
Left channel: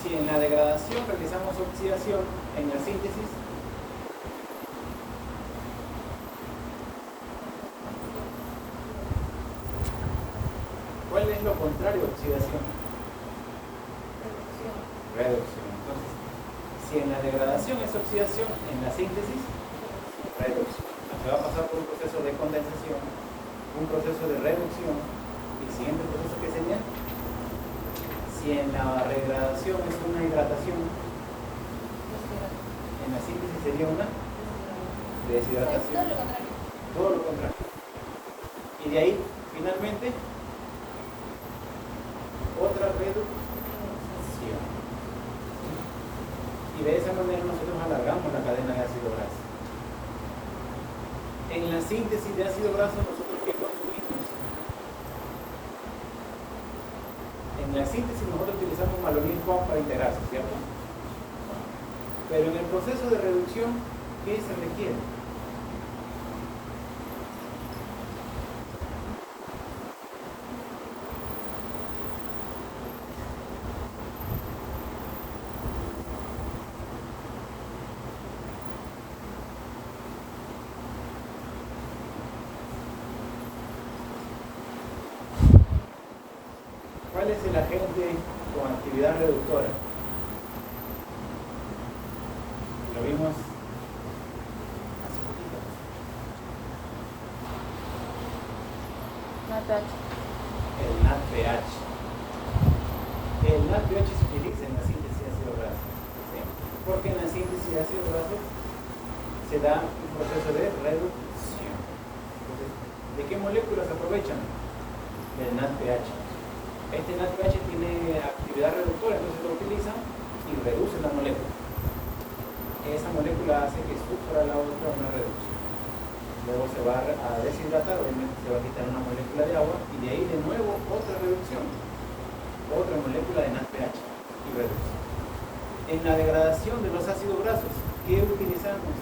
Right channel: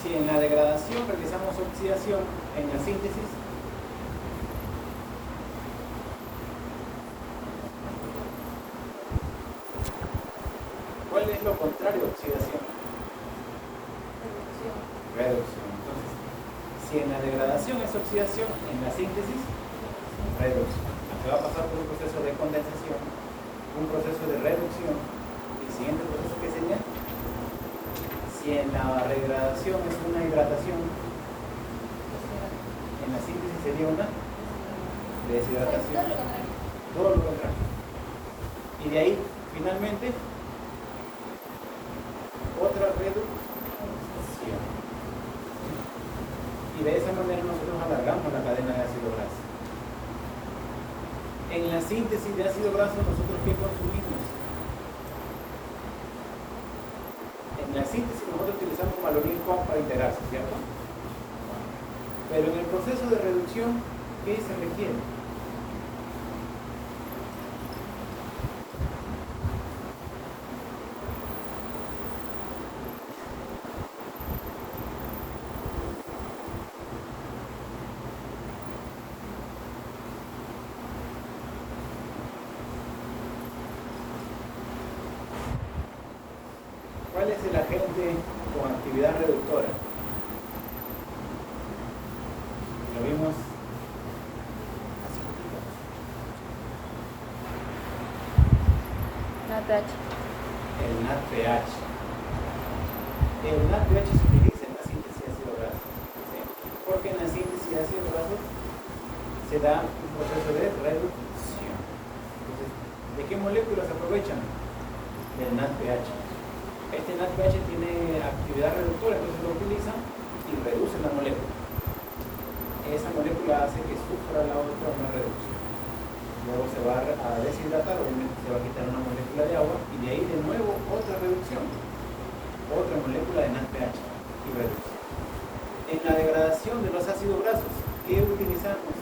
Si en la degradación realizamos oxidación, en la síntesis ¿cuál es lo contrario a oxidación? Reducción. Entonces, si en la degradación es oxidación, en la síntesis, reducción. Se va a pasar por un proceso de condensación, un proceso de reducción. El siguiente proceso que sería, si en la degradación es una hidratación, en la síntesis sería una deshidratación, todo lo contrario. Y de ahí, finalmente, otra reducción. Y de esa manera nosotros alargamos la cadena de ácido graso. En la síntesis de ácido graso, nosotros ¿qué consumimos? En la síntesis nosotros utilizamos malonil-CoA para integrarse, ¿cierto? Pero en el proceso de reducción, ¿qué se requiere? ¿Cuál es el agente con actividad reductora? Lo vimos hace poquito. NADPH. El NADPH. El NADPH se utiliza en la síntesis de ácido graso. ¿Sí? Porque en la síntesis de ácido graso se da un proceso de reducción. Entonces, ¿de qué moléculas aprovechan? Del NADPH. Este NADPH tiene actividad reductora, entonces lo utilizan y reducen la molécula. Esa molécula hace que sufra la otra una reducción. Luego se va a deshidratar, obviamente se va a quitar una molécula de agua y de ahí de nuevo otra reducción. Otra molécula de NADPH y reducción. En la degradación de los ácidos grasos, ¿qué utilizamos?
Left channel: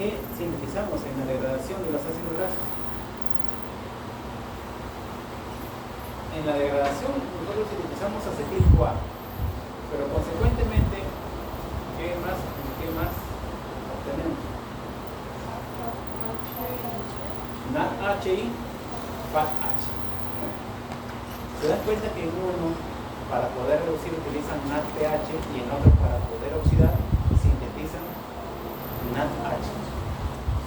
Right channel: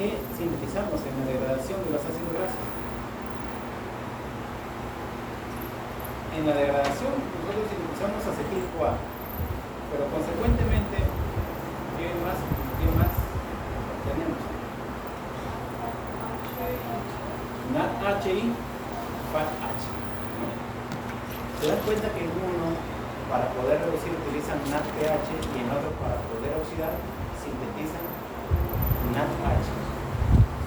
¿Qué sintetizamos en la degradación de los ácidos grasos? En la degradación nosotros utilizamos acetil-CoA, pero consecuentemente, ¿qué más obtenemos? NADHI, FATH. ¿Se dan cuenta que en uno, para poder reducir, utilizan NADPH y en otro, para poder oxidar, sintetizan NADH?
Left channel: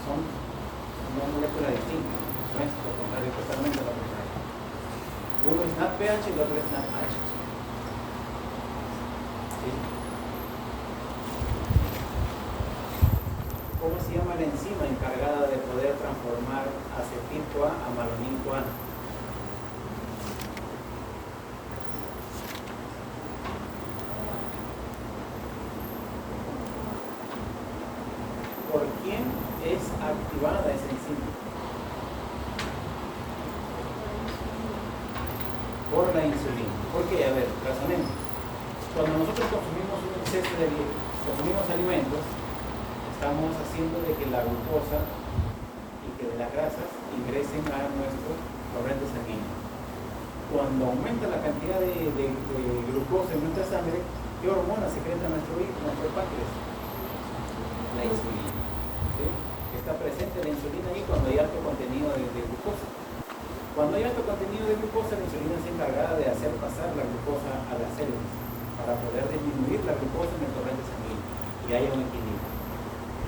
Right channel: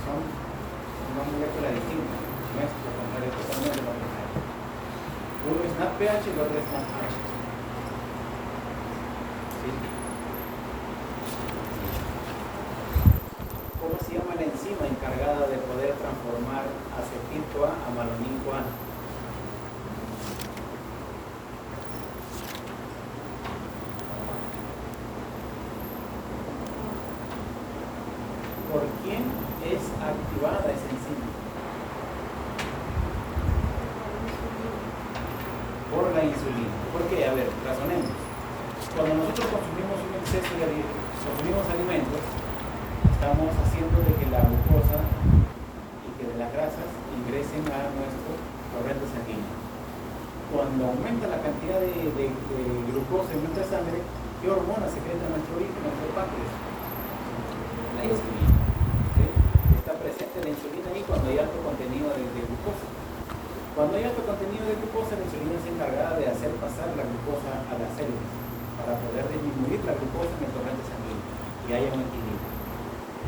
Son una molécula distinta, no es lo contrario, totalmente lo contrario. Uno es NADPH y el otro es NADH. ¿Sí? ¿Cómo se llama la enzima encargada de poder transformar acetil-CoA a malonil-CoA? ¿Por quién es activada esa enzima? Por la insulina. ¿Por qué? A ver, razonemos. Cuando nosotros consumimos un exceso de alimentos, estamos haciendo de que la glucosa y que las grasas ingresen a nuestro torrente sanguíneo. Cuando aumenta la cantidad de glucosa en nuestra sangre, ¿qué hormona secreta nuestro páncreas? La insulina. ¿Sí? Está presente la insulina ahí cuando hay alto contenido de glucosa. Cuando hay alto contenido de glucosa, la insulina es encargada de hacer pasar la glucosa a las células para poder disminuir la glucosa en el torrente sanguíneo y haya un equilibrio.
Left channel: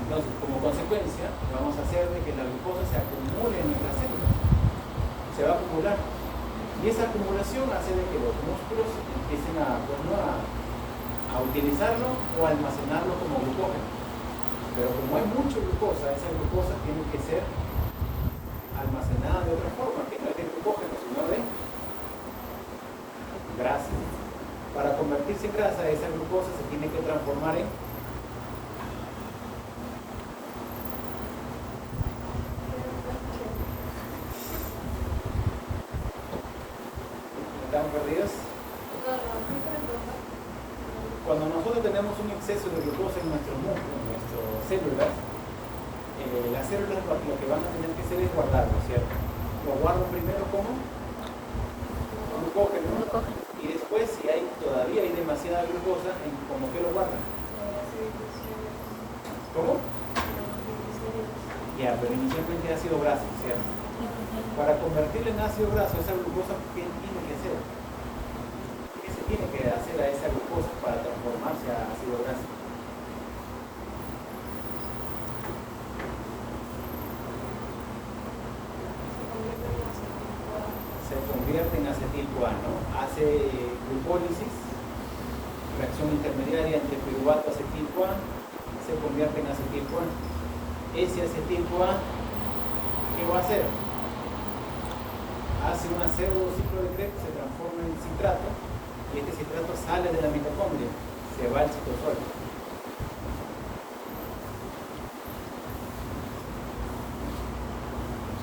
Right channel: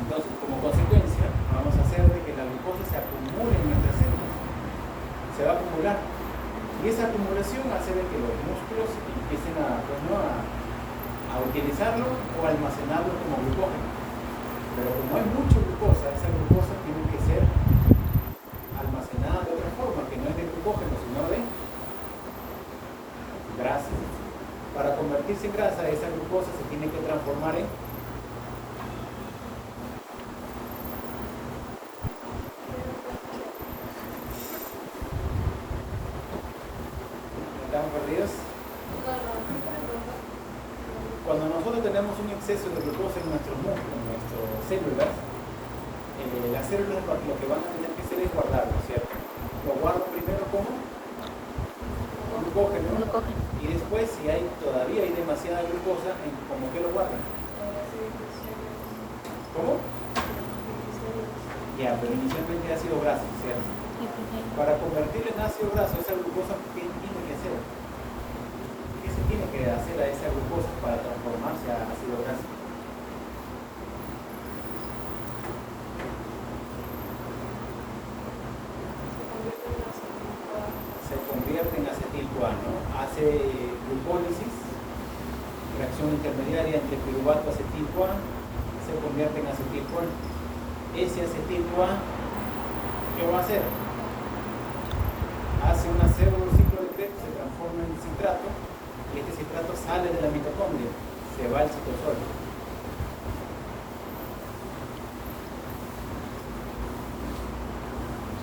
Entonces, como consecuencia, vamos a hacer de que la glucosa se acumule en nuestras células. Se va a acumular. Y esa acumulación hace de que los músculos empiecen a utilizarlo o a almacenarlo como glucógeno. Pero como hay mucha glucosa, esa glucosa tiene que ser almacenada de otra forma, que no es de glucógeno, sino de grasa. Para convertirse en grasa, esa glucosa se tiene que transformar en ¿estamos perdidos? Cuando nosotros tenemos un exceso de glucosa en nuestros músculos, en nuestras células, las células lo que van a tener que hacer es guardarlo, ¿cierto? Lo guardo primero como glucógeno. Y después, si todavía hay demasiada glucosa, ¿cómo que lo guardan? ¿Cómo? Ya, pero inicialmente ácido graso, ¿sí? Para convertirlo en ácido graso, esa glucosa, ¿qué tiene que hacer? ¿Qué se tiene que hacer a esa glucosa para transformarse a ácido graso? Se convierte en acetil-CoA, ¿no? Hace glucólisis, reacción intermediaria entre piruvato acetil-CoA, se convierte en acetil-CoA. Ese acetil-CoA, ¿qué va a hacer? Hace una pseudociclo de Krebs, se transforma en citrato, y este citrato sale de la mitocondria, se va al citosol.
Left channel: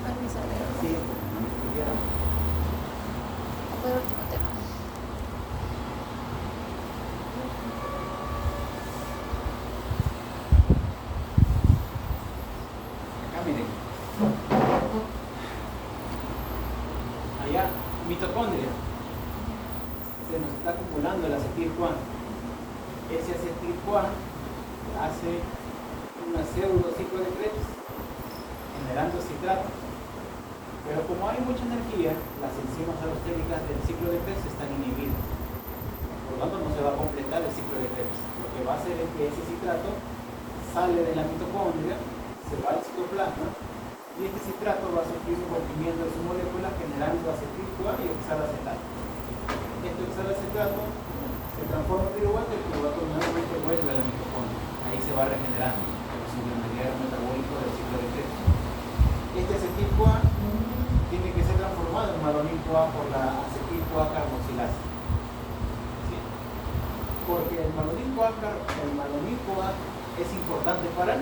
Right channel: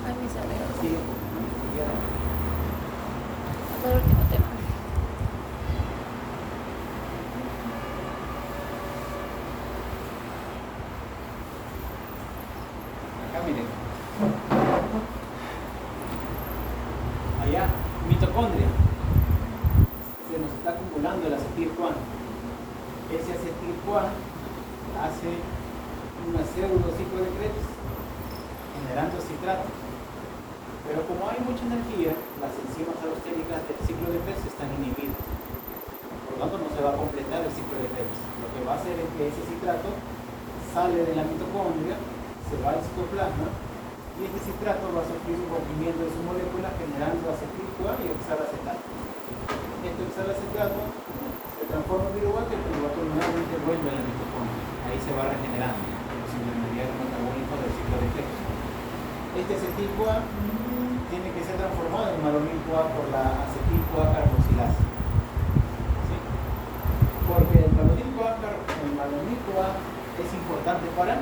Ay, mi cerebro. Sí, Fue el último tema. acá miren. Allá, mitocondria. Se nos está acumulando el acetil-CoA. Ese acetil-CoA hace una pseudociclo de Krebs, generando citrato. Pero como hay mucha energía, las enzimas alostéricas del ciclo de Krebs están inhibidas. Por lo tanto, no se va a completar el ciclo de Krebs. Lo que va a hacer es que ese citrato sale de la mitocondria, se va al citoplasma, y este citrato va a sufrir un rompimiento de su molécula generando acetil-CoA y hexalacetato. Este hexalacetato se transforma en piruvato y el piruvato nuevamente vuelve a la mitocondria. Ahí se va regenerando, sin el mediador metabólico del ciclo de Krebs. Este acetil-CoA tiene que ser transformado en malonil-CoA por la acetil-CoA carboxilasa. ¿Sí? Porque el malonil-CoA es importante para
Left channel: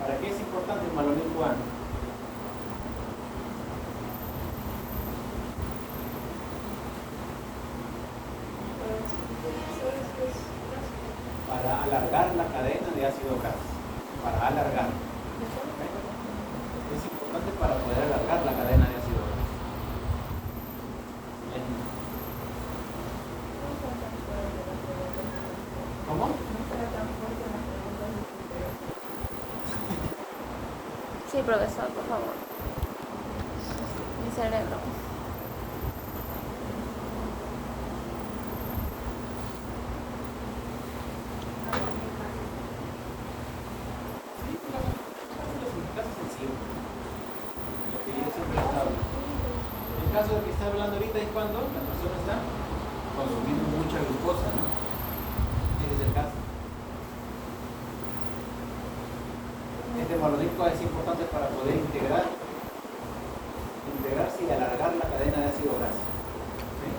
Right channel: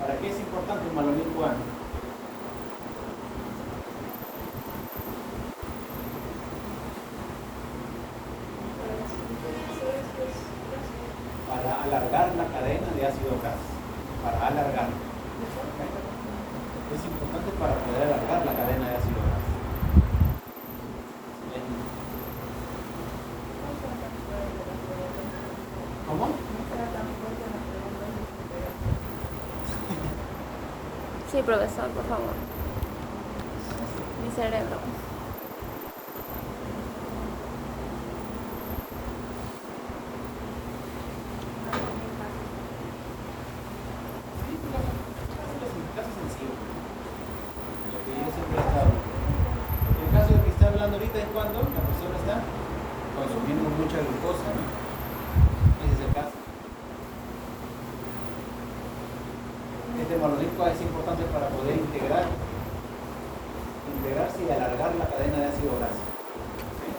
¿para qué es importante el malonil-CoA? Para alargar la cadena de ácido graso, para alargar. Es importante para poder alargar la cadena de ácido graso. ¿Cómo? Sí, profesor, por favor. Mi cerebro. El caso de que está hablando ahorita es cuando la persona está consumiendo mucha glucosa, ¿no? Ese es el caso. Este malonil-CoA es importante para poder integrarse y alargar la cadena de ácido graso. ¿Sí?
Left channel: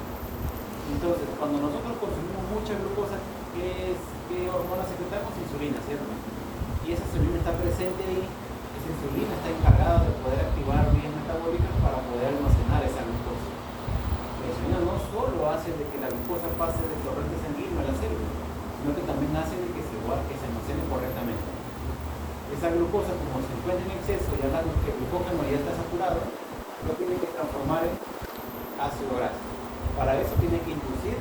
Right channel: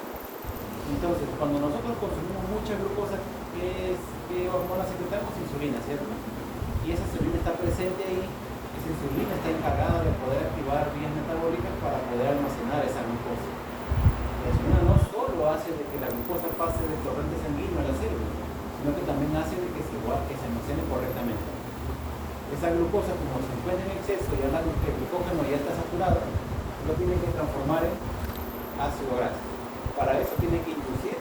Entonces, cuando nosotros consumimos mucha glucosa, ¿qué hormona secretamos? Insulina, ¿cierto? Y esa insulina está presente ahí. Esa insulina está encargada de poder activar vías metabólicas para poder almacenar esa glucosa. La insulina no solo hace de que la glucosa pase del torrente sanguíneo a la célula, sino que también hace de que se almacene correctamente. Esa glucosa, como se encuentra en exceso y el glucógeno ya está saturado, lo tiene que transformar en ácido graso. Para eso tiene que inducir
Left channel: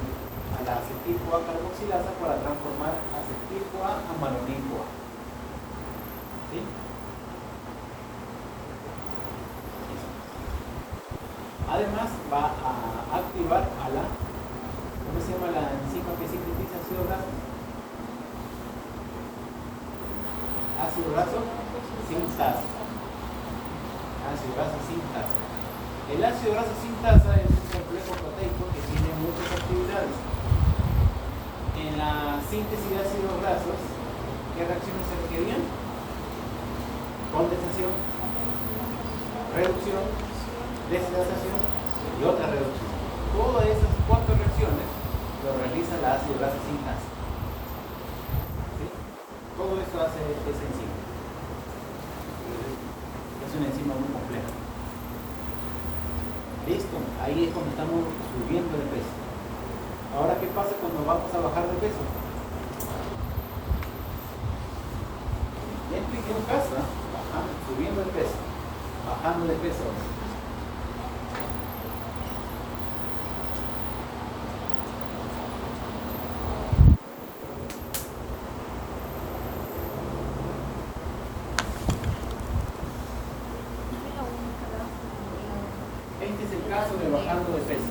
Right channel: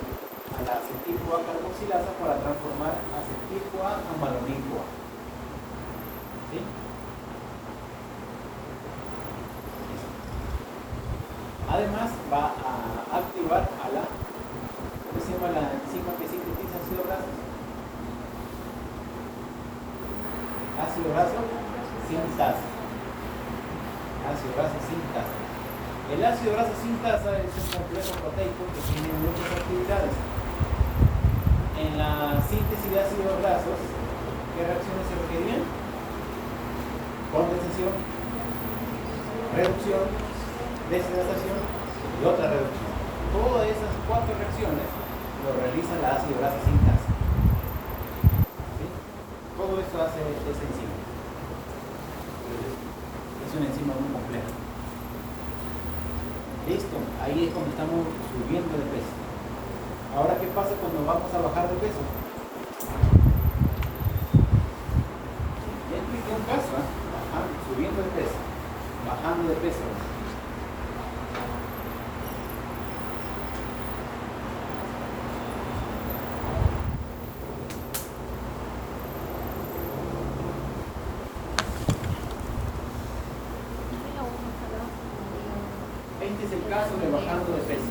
a la acetil-CoA carboxilasa para transformar acetil-CoA a malonil-CoA. ¿Sí? Además va a activar a la, ¿cómo se llama la enzima que sintetiza ácido graso? Ácido graso sintasa. Ácido graso sintasa. El ácido graso sintasa es un complejo proteico que tiene muchas actividades. En la síntesis de ácidos grasos, ¿qué reacciones se requerían? Condensación, reducción, deshidratación y otra reducción. Todas esas 4 reacciones lo realiza la ácido graso sintasa. ¿Sí? Todo esto hace esa enzima. Es una enzima muy compleja. Listo, ahí es cuando estamos subiendo de peso. Ahora, ¿qué pasa cuando vamos a bajar de peso? Ya expliqué un caso, subiendo de peso, bajando de peso. Este es el caso de bajando de peso.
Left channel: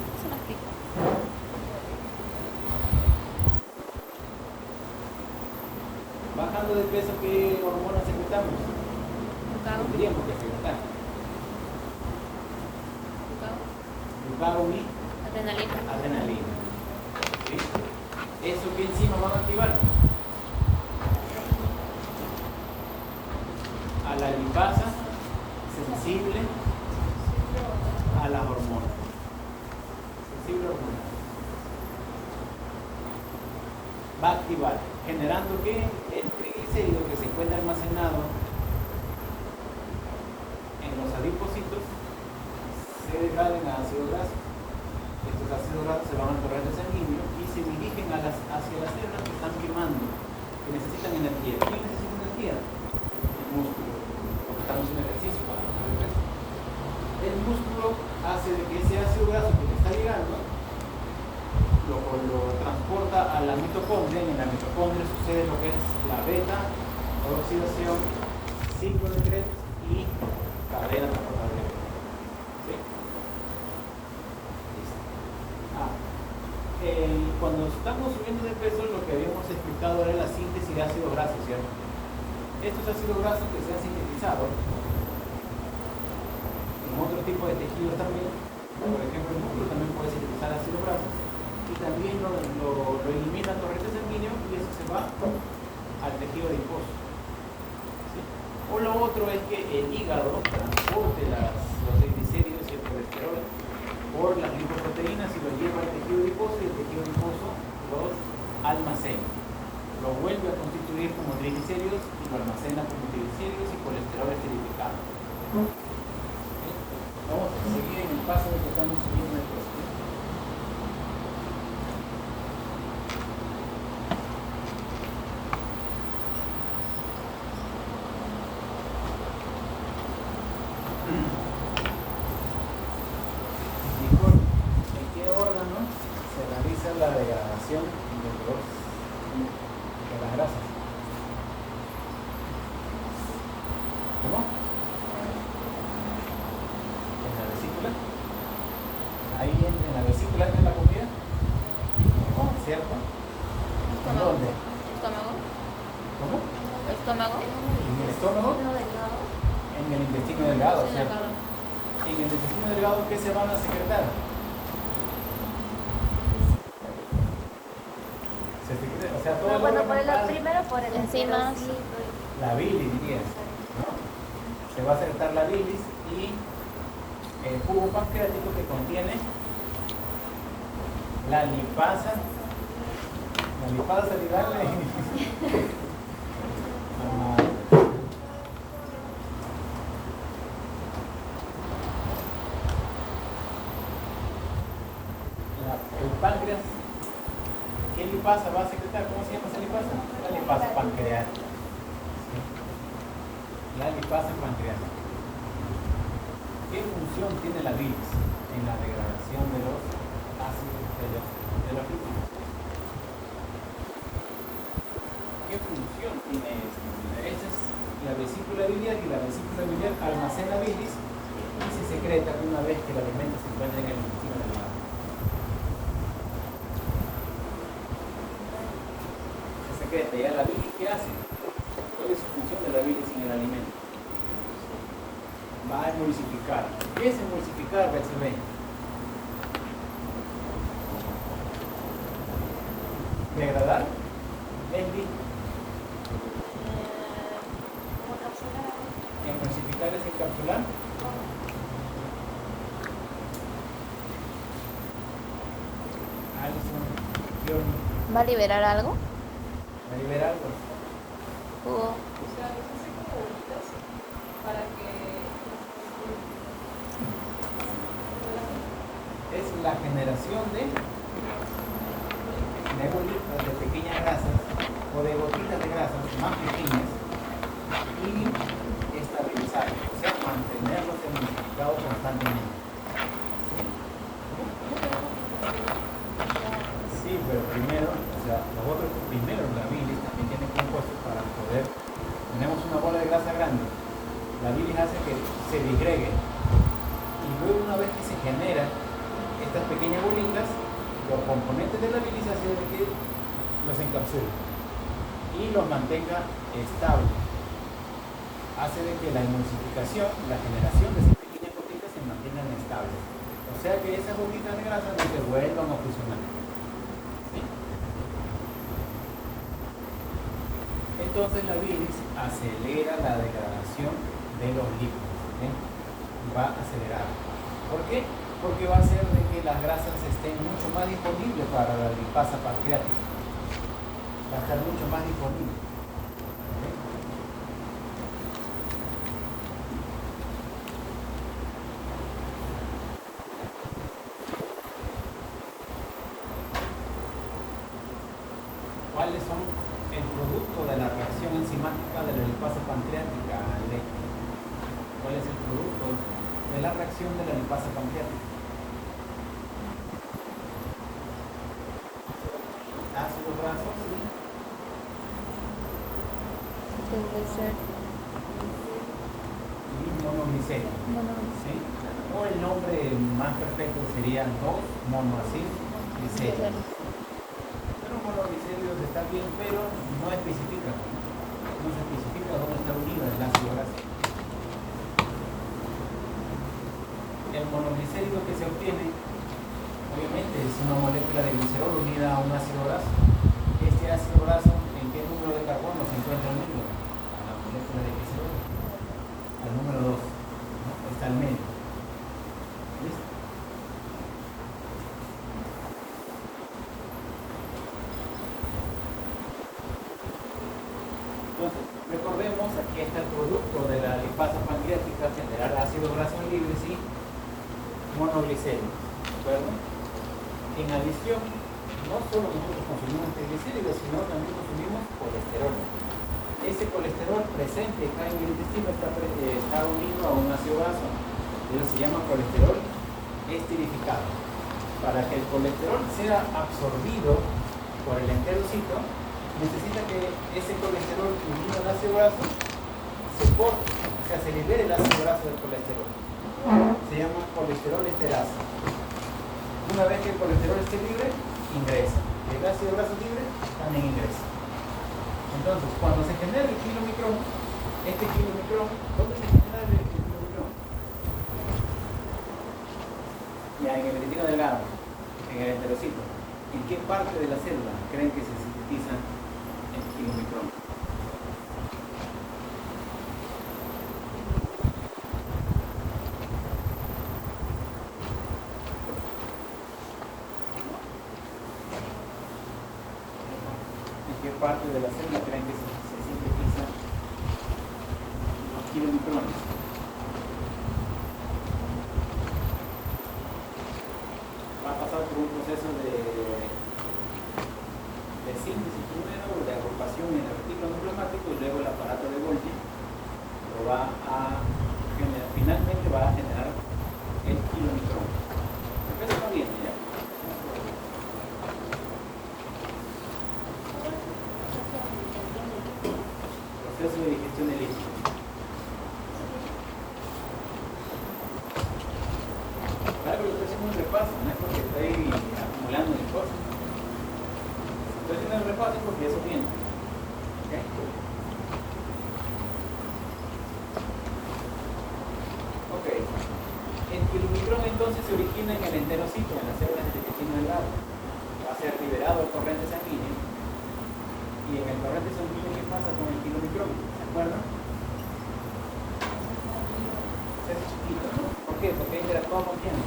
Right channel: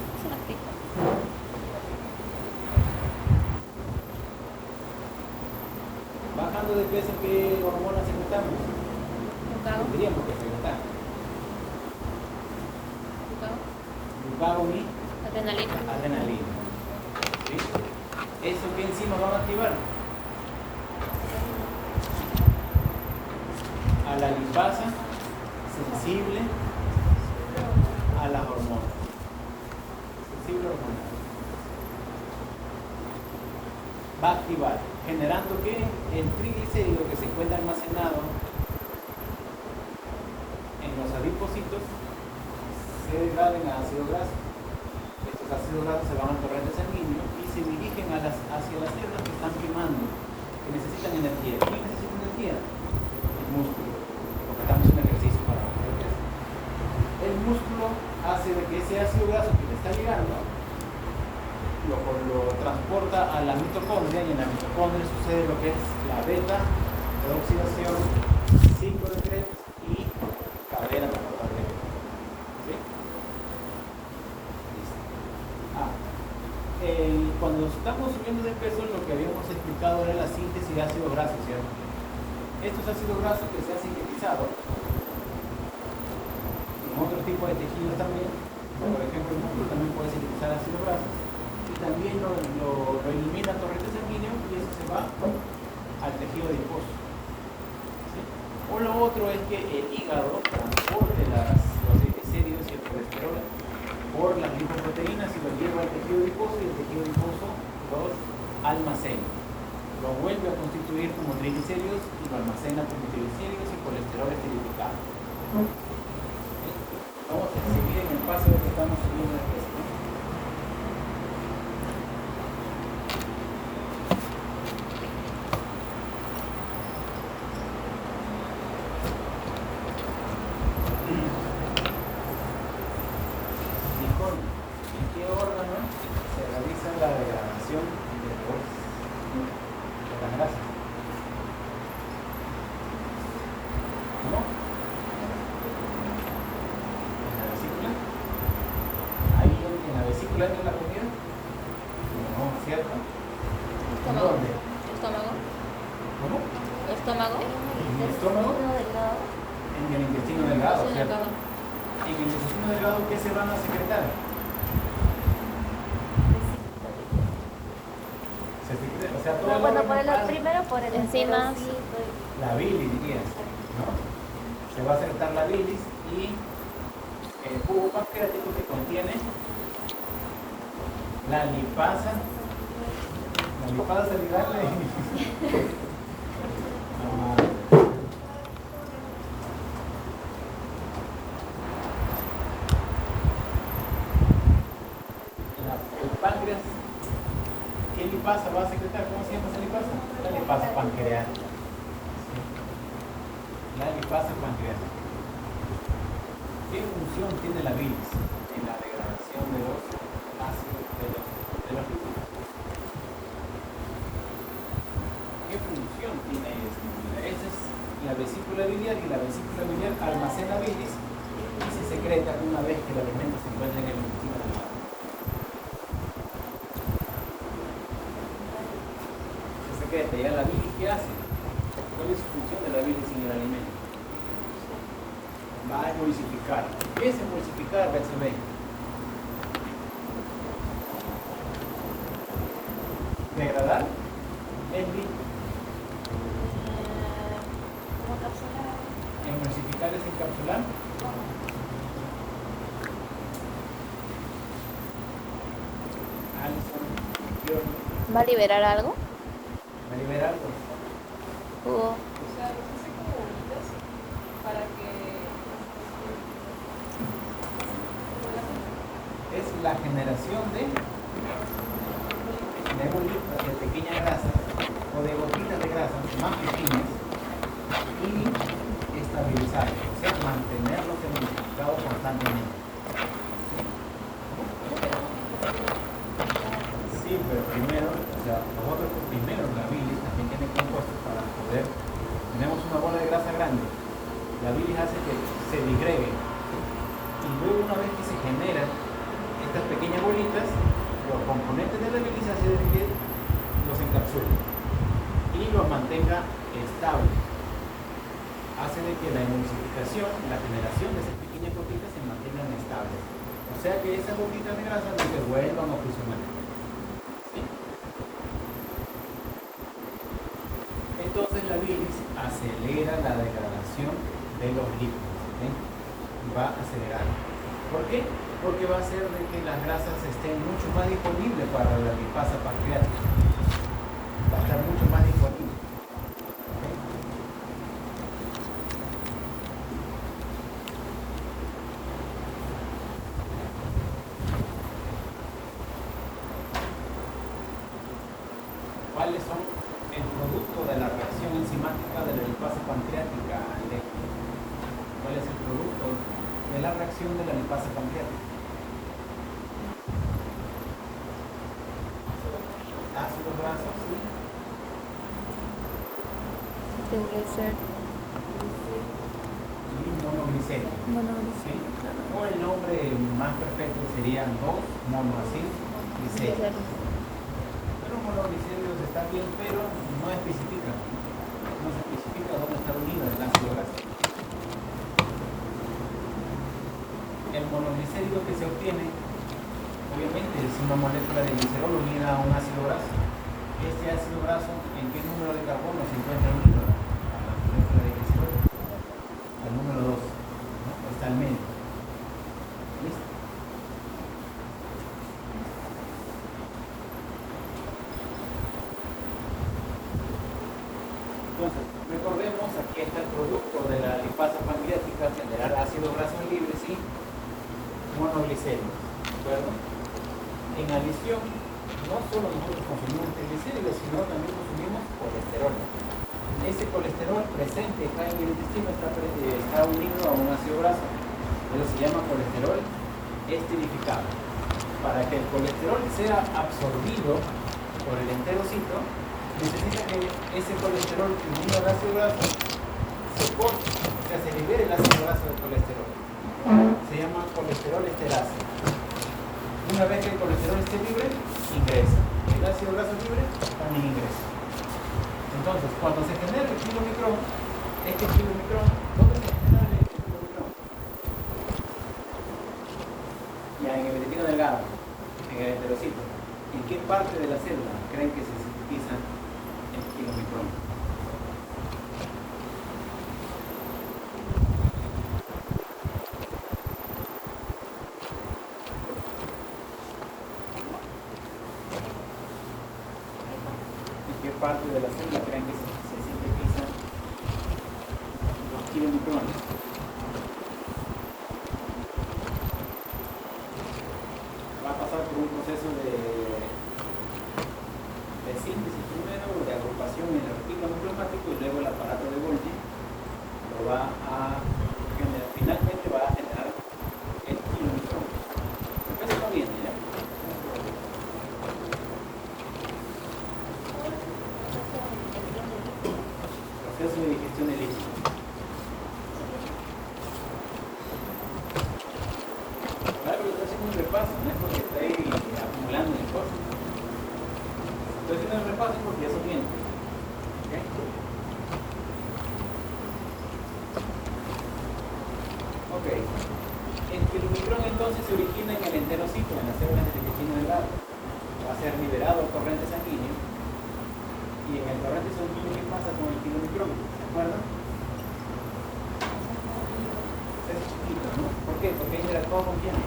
Bajando de peso, ¿qué hormonas secretamos? Tendríamos que secretar. Glucagón y Adrenalina. Adrenalina. ¿Listo? ¿Eso que enzimas van a activar? A la lipasa sensible a las hormonas. Sensible a hormonas. Va a activar, generando que el triglicérido que se encuentra almacenado en los adipocitos se degraden a ácido graso. Estos ácidos grasos se van al torrente sanguíneo y se dirigen hacia las células que están quemando, que necesitan energía. ¿Quién necesita energía? El músculo, porque estamos en ejercicio para el peso. El músculo hace de que ese ácido graso que le está llegando lo transporta a la mitocondria, y en la mitocondria sucede lo que es la beta, oxidación, ciclo de Krebs y cadena transportadora de beta. ¿Sí? Cuando estamos subiendo de peso, lo que habíamos explicado era la síntesis de ácidos grasos, ¿cierto? Estos ácidos grasos que se han sintetizado en otro tipo de tejidos también, por ejemplo el músculo también puede sintetizar ácidos grasos, y también lo elimina el torrente sanguíneo y eso se va al tejido adiposo. ¿Sí? O lo otro es que el hígado transporte los triglicéridos y el colesterol por las lipoproteínas y lo lleva al tejido adiposo, y el tejido adiposo los almacena. Lo vuelve a constituir como triglicéridos y lo almacena como triglicéridos y colesterol esterificado. Vamos a seguir en el paso de que estamos subiendo el peso. Estómago. En el estómago, en el intestino delgado. En el intestino delgado, ¿qué se van a secretar? O sea, todo el órgano primero por el enzimas. La bilis, dirías, ¿no? Se va a secretar la bilis y el jugo pancreático que contiene la lipasa salival. El páncreas, ¿qué lipasa va a secretar? ¿Cómo se llama esa lipasa? La lipasa pancreática. ¿Sí? La lipasa pancreática. ¿Qué función tiene la bilis en la degradación de los ácidos de los lípidos? ¿Qué función tiene esa? Esa es la vesícula biliar, y la vesícula biliar almacena bilis y se secreta una vez que el alimento se encuentra en el intestino delgado. Se secreta. ¿Ya la bilis qué hace? ¿Cuál es su función de la bilis en el alimento? Va a emulsificar. ¿Qué es emulsificar, Bexelé? Degradar el líquido. Emulsificar es encapsular. ¿Va a liberar algo? ¿Va a liberar algo? Jugo. Es la generación de pequeñas grasas o de gotitas de grasas más pequeñas y estabilizar, o sea, mantenerlos emulsificados constantemente. Sí, pero primero, o sea, los otros primero, la bilis también tiene compuestos para poder. Tenemos una bola de grasa grande, la bilis hace que se disgregue y luego, una vez que se generan estas pequeñas bolitas, los componentes de la bilis hacen que los encapsule y los mantenga estables. Hace de que la emulsificación, la generación de esas pequeñas gotitas se mantengan estables. O O sea que esa bombita de grasa no se vuelvan a fusionar. ¿Sí? Entonces la bilis acelera la degradación de los lípidos. ¿Sí? Va a acelerar. ¿Por qué? Porque va a hacer de que las grasas estén mucho más disponibles para la lipasa pancreática. Va a estar mucho más disponible. ¿Cuáles son el producto de la reacción enzimática de la lipasa pancreática? ¿Cuál es el producto de la reacción de la lipasa pancreática? Ácidos grasos, ¿sí? Debe ser. Y monoglicéridos. ¿Sí? O el nombre más perfecto sería 2-monoacilglicéridos. Los monoglicéridos están bien, pero no especifican. No se especifica dónde está unido el ácido graso. El monoglicérido que se obtiene, obviamente, es una molécula de glicerol unida a un ácido graso. Este ácido graso, ¿en qué número de carbono se encuentra unido a la molécula de glicerol? Al número 2, ¿no? Está al medio. ¿Listo? Entonces, recordemos, aquí está el producto de la lipasa pancreática, generar ácidos grasos libres y monoglicéridos, ¿de acuerdo? En adición, no solo nosotros consumimos triglicéridos, sino también consumimos colesterol. Ese colesterol presente acá en el intestino está unido a un ácido graso, que se llama colesterol esterificado. Para que el colesterol sea absorbido por el enterocito, necesita que ese colesterol unido al ácido graso se corte, o sea, se libere el ácido graso del colesterol. Se llama colesterol esterasa. Una vez que el colesterol esté libre, ingresa. El ácido graso libre también ingresa. Entonces, cuando se genera el kilomicrón, este kilomicrón, ¿dónde se genera el kilomicrón? Ya en el intestino delgado, en el enterocito. ¿En qué parte de la célula creen que se sintetiza el kilomicrón? Parte de la célula creen que se sintetizan los kilomicrones. Va a pasar por un proceso de síntesis primero, de agrupación en el reticulum plasmático y luego el aparato de Golgi lo va a generar, finalmente va a generar el kilomicrón. Pero está bien ya. Proceso de digestión de líquidos. Claro, yo estoy haciendo un repaso, no es porque estoy acumulando mis cosas. Estoy haciendo un repaso porque es bien. Ok. El kilomicrón entonces se origina en el enterocito, en las células de intestino delgado. Va a ser liberado al corriente sanguíneo. Y en el corriente sanguíneo, ¿qué pasa con el kilomicrón? ¿Se acuerdan? Es chiquito, ¿no? ¿Por qué? Porque interactúa con quién.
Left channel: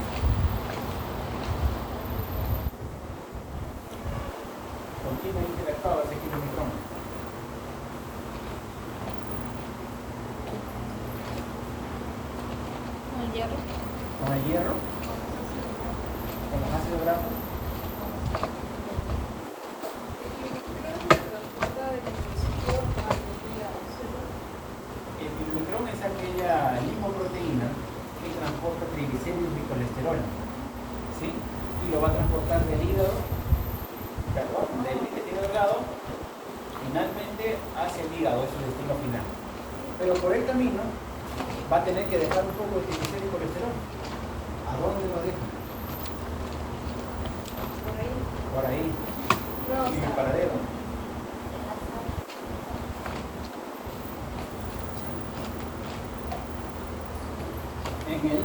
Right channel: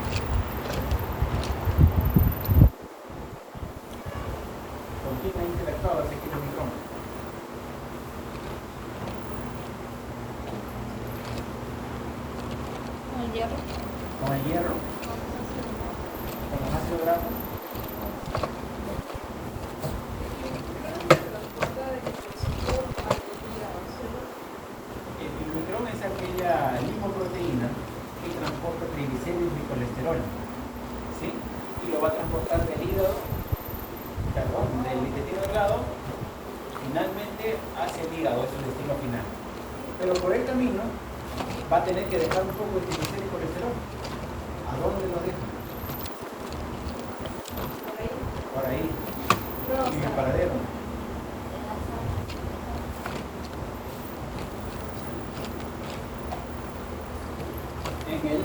¿Con quién ha interactuado ese kilomicrón? ¿Con el hierro? ¿Con el hierro? ¿Con los ácidos grasos? Es aquella lipoproteína que transporta triglicéridos y colesterol, ¿sí? Y lo va a transportar del hígado, perdón, del intestino delgado, finalmente hacia el hígado, es su destino final. Pero por el camino va a tener que dejar un poco de triglicéridos y colesterol. ¿A dónde lo deja? Por ahí, en el paradero. En el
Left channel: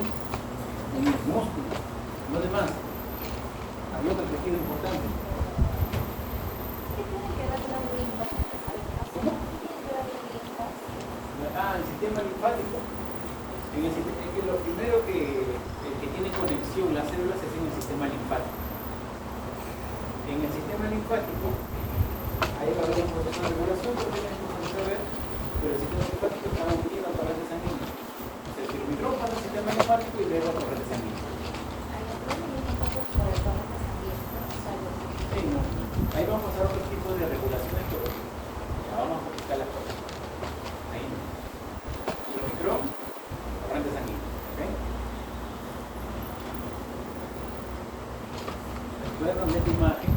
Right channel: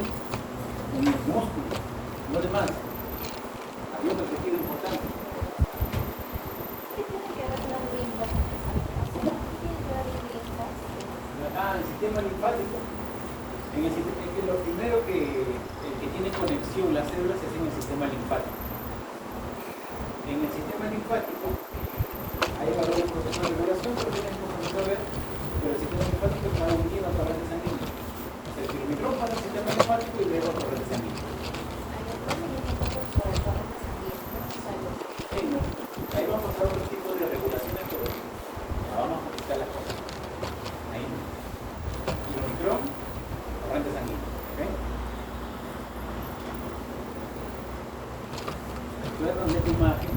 músculo. No de más. Hay otro tejido importante. El sistema linfático. Es que lo primero que tiene conexión las células es en el sistema linfático. En el sistema linfático hay una gran proceso de regulación, porque no podemos saber, pero el sistema linfático está unido a la torrente sanguínea. El kilómetro para el sistema linfático y luego a la torrente sanguínea. Sí, no. Ahí vamos a pasar otro tipo de regulaciones, pero ya vamos a explicar las cosas. Ahí. Kilómetro, torrente sanguínea. ¿Okay? Voy a cambiar tu imagen.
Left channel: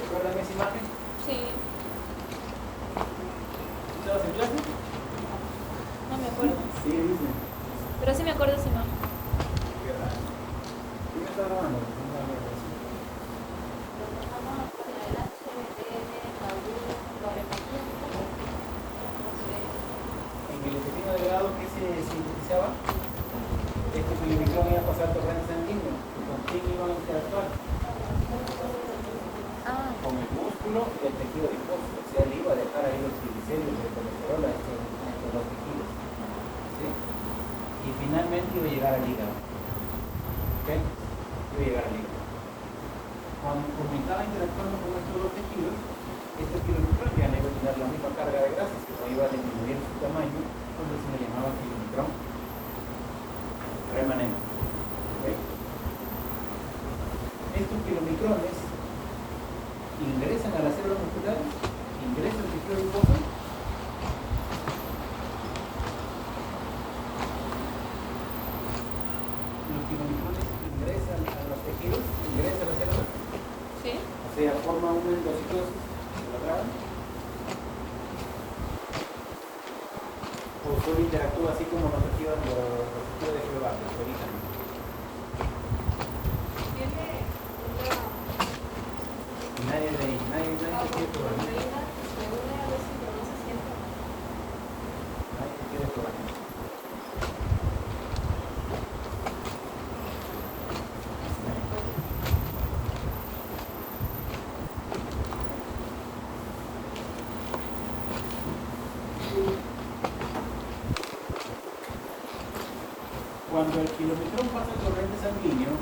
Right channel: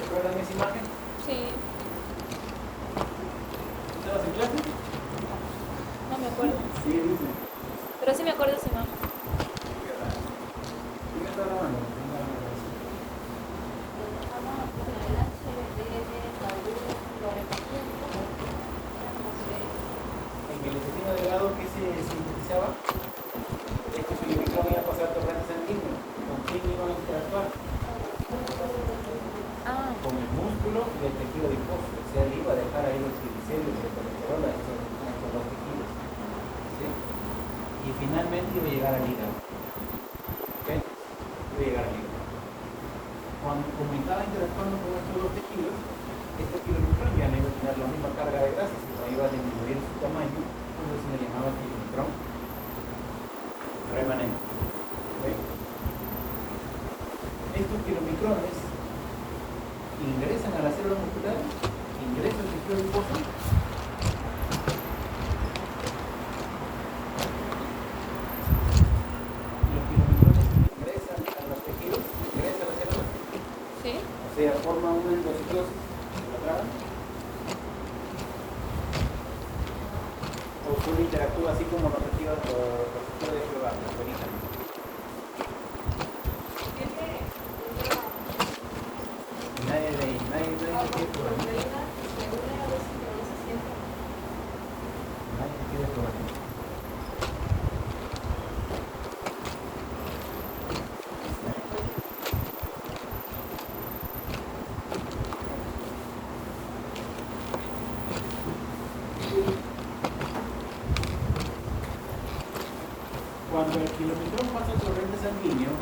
¿Recuerdan esa imagen? Sí, ¿Estabas en clase? no me acuerdo. Sí, dice. Pero sí me acuerdo de esa imagen. ¿Quién está grabando? En el intestino delgado, ¿qué se sintetizaba? Este kilómetro iba a pasar torrente sanguíneo. ¿Con quién iban a interactuar? Ah, Con el músculo y el tejido adiposo. O sea, él iba a dejar ahí los triglicéridos, el colesterol, estos dos tejidos. ¿Sí? Y finalmente iba a llegar al hígado. ¿Ok? Iba a llegar al hígado. Como estaba interactuando con estos dos tejidos, estos kilómetros ya no iban a tener la misma carga de grasa, sino iba a disminuir su tamaño, entonces se le llamaba kilómetro remanente. ¿Ok? Estos kilómetrones ingresan a la célula muscular, ingresan al tejido adiposo. Los kilómetrones ingresan a los tejidos, ingresan a la célula, sí. o sea, forman una endocitosis cuadrada, o solo interactúa así como los tejidos de Jehová, los orígenes. Nadie de ahí, nadie te quiere probar. Nadie te quiere probar. Cuando el kilometrón pasa el torrente sanguíneo,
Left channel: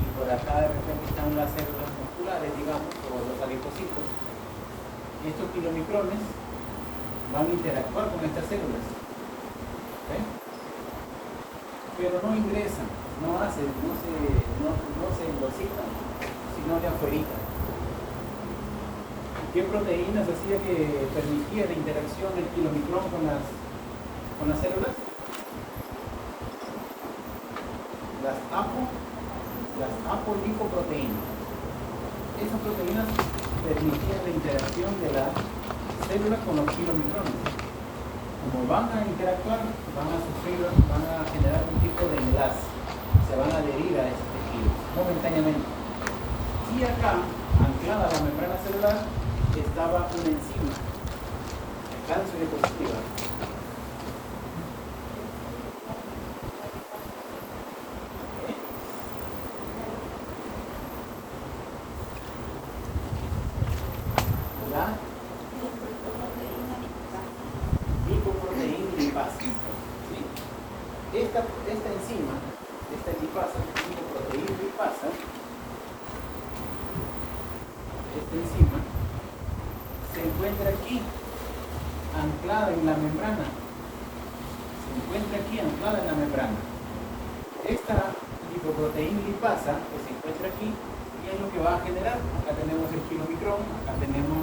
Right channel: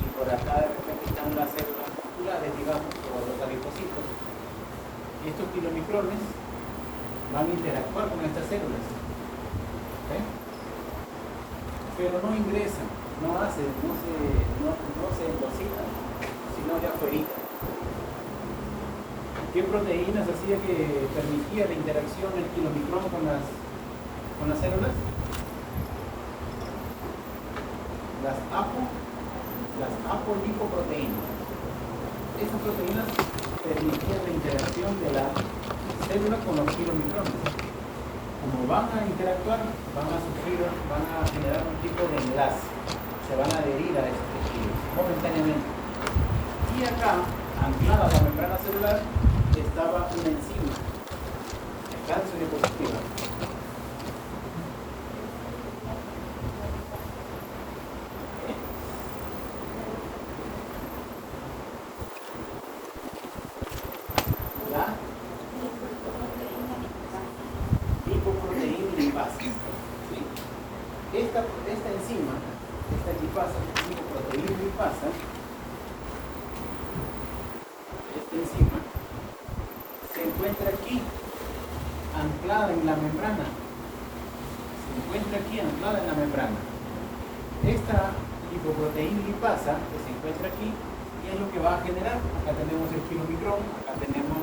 y por acá de repente están las células musculares, digamos, o los adipocitos, estos kilomicrones van a interactuar con estas células. ¿Ok? Pero no ingresan, no se endocitan, sino de afuera. ¿Qué proteínas hacía que permitía la interacción del kilomicrón con las células? Las apolipoproteínas. Esas proteínas permitían la interacción de la célula con los kilomicrones. Como van a interactuar, van a generar un tipo de enlace, se van a adherir a esos tejidos momentáneamente. Y acá, anclada a la membrana celular, estaba una enzima, cáncer positiva. La lipoproteína lipasa. ¿Sí? Esta enzima, esta lipasa, lipoproteína lipasa, esta enzima se encuentra aquí, anclada en la membrana. Esta lipoproteína lipasa que se encuentra aquí, ¿qué es lo que va a generar? Acá tenemos el kilomicrón, acá tenemos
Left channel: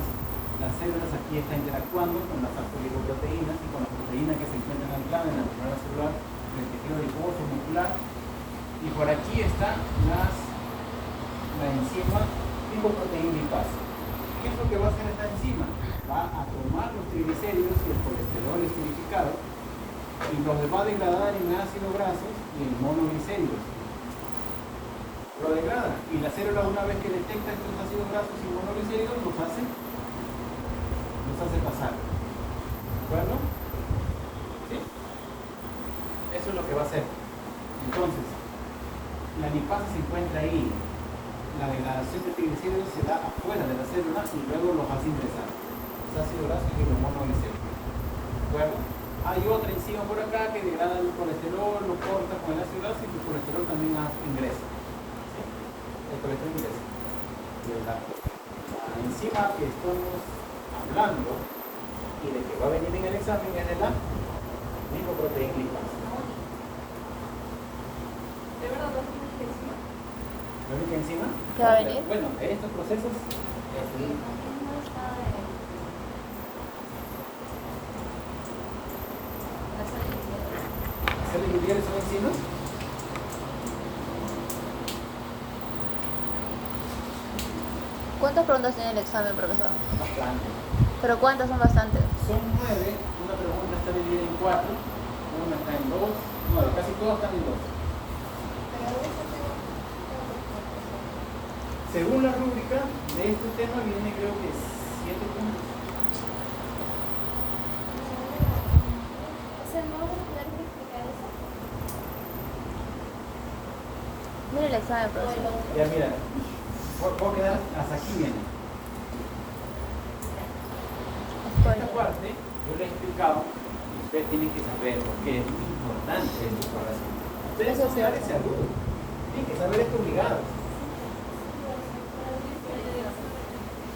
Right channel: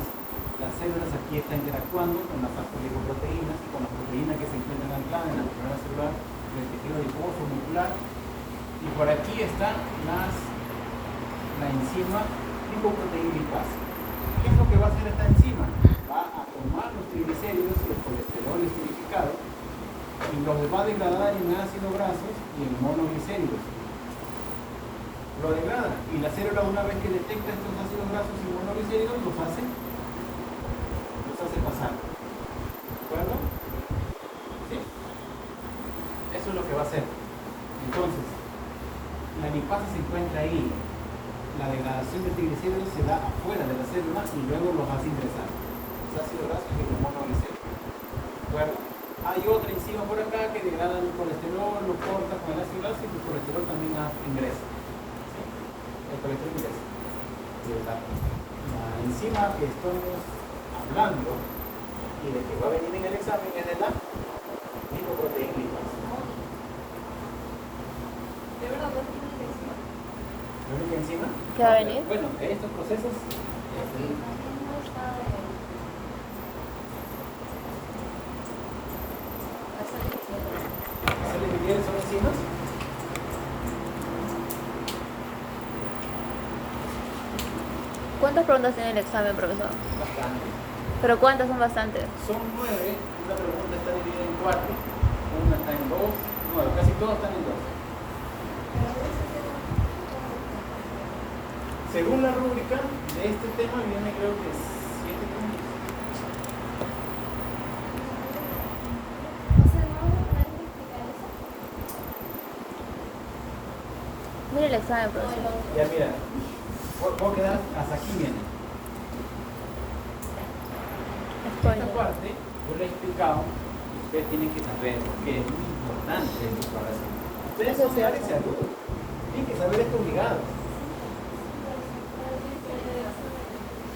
las células, aquí está interactuando con las apolipoproteínas y con las proteínas que se encuentran ancladas en la membrana celular, en el tejido adiposo muscular. Y por aquí está la enzima lipoproteína lipasa. ¿Qué es lo que va a hacer esta enzima? Va a tomar los triglicéridos y el colesterol esterificado y los va a degradar en ácidos grasos y en monoglicéridos. Lo degrada. Y la célula, una vez que detecta estos ácidos grasos y monoglicéridos, los hace pasar. ¿De acuerdo? ¿Sí? Eso es lo que va a hacer. Entonces, la lipasa se encuentra ahí. La degradación de triglicéridos se da afuera de la célula y luego los hace ingresar. Los ácidos grasos y los monoglicéridos. ¿De acuerdo? Hay otra enzima por acá que degrada el colesterol, lo corta con el ácido graso y el colesterol también ingresa. ¿Sí? El colesterol ingresa. La enzima que estamos hablando y de que va a venir en el examen es de la lipoproteína lipasa. ¿La única enzima? ¿Qué va a venir? Bueno, estos procesos ¿sale lineales son enzimas? ¿Cuántas preguntas tiene el examen, profesor? Bastante. ¿Pero cuántas son bastantes? Son 9, una pregunta está dividida en 4, una está en 2, 9, casi todas están en 2. Según la rúbrica de este tema viene creo que 7 puntos. Mire el examen, profesor. Ya mira, puedo quedar hasta aquí viene. Esta parte yo le he explicado, usted tiene que saber que es muy importante en su exploración. Ustedes son de área de salud, tienen que saber esto obligado.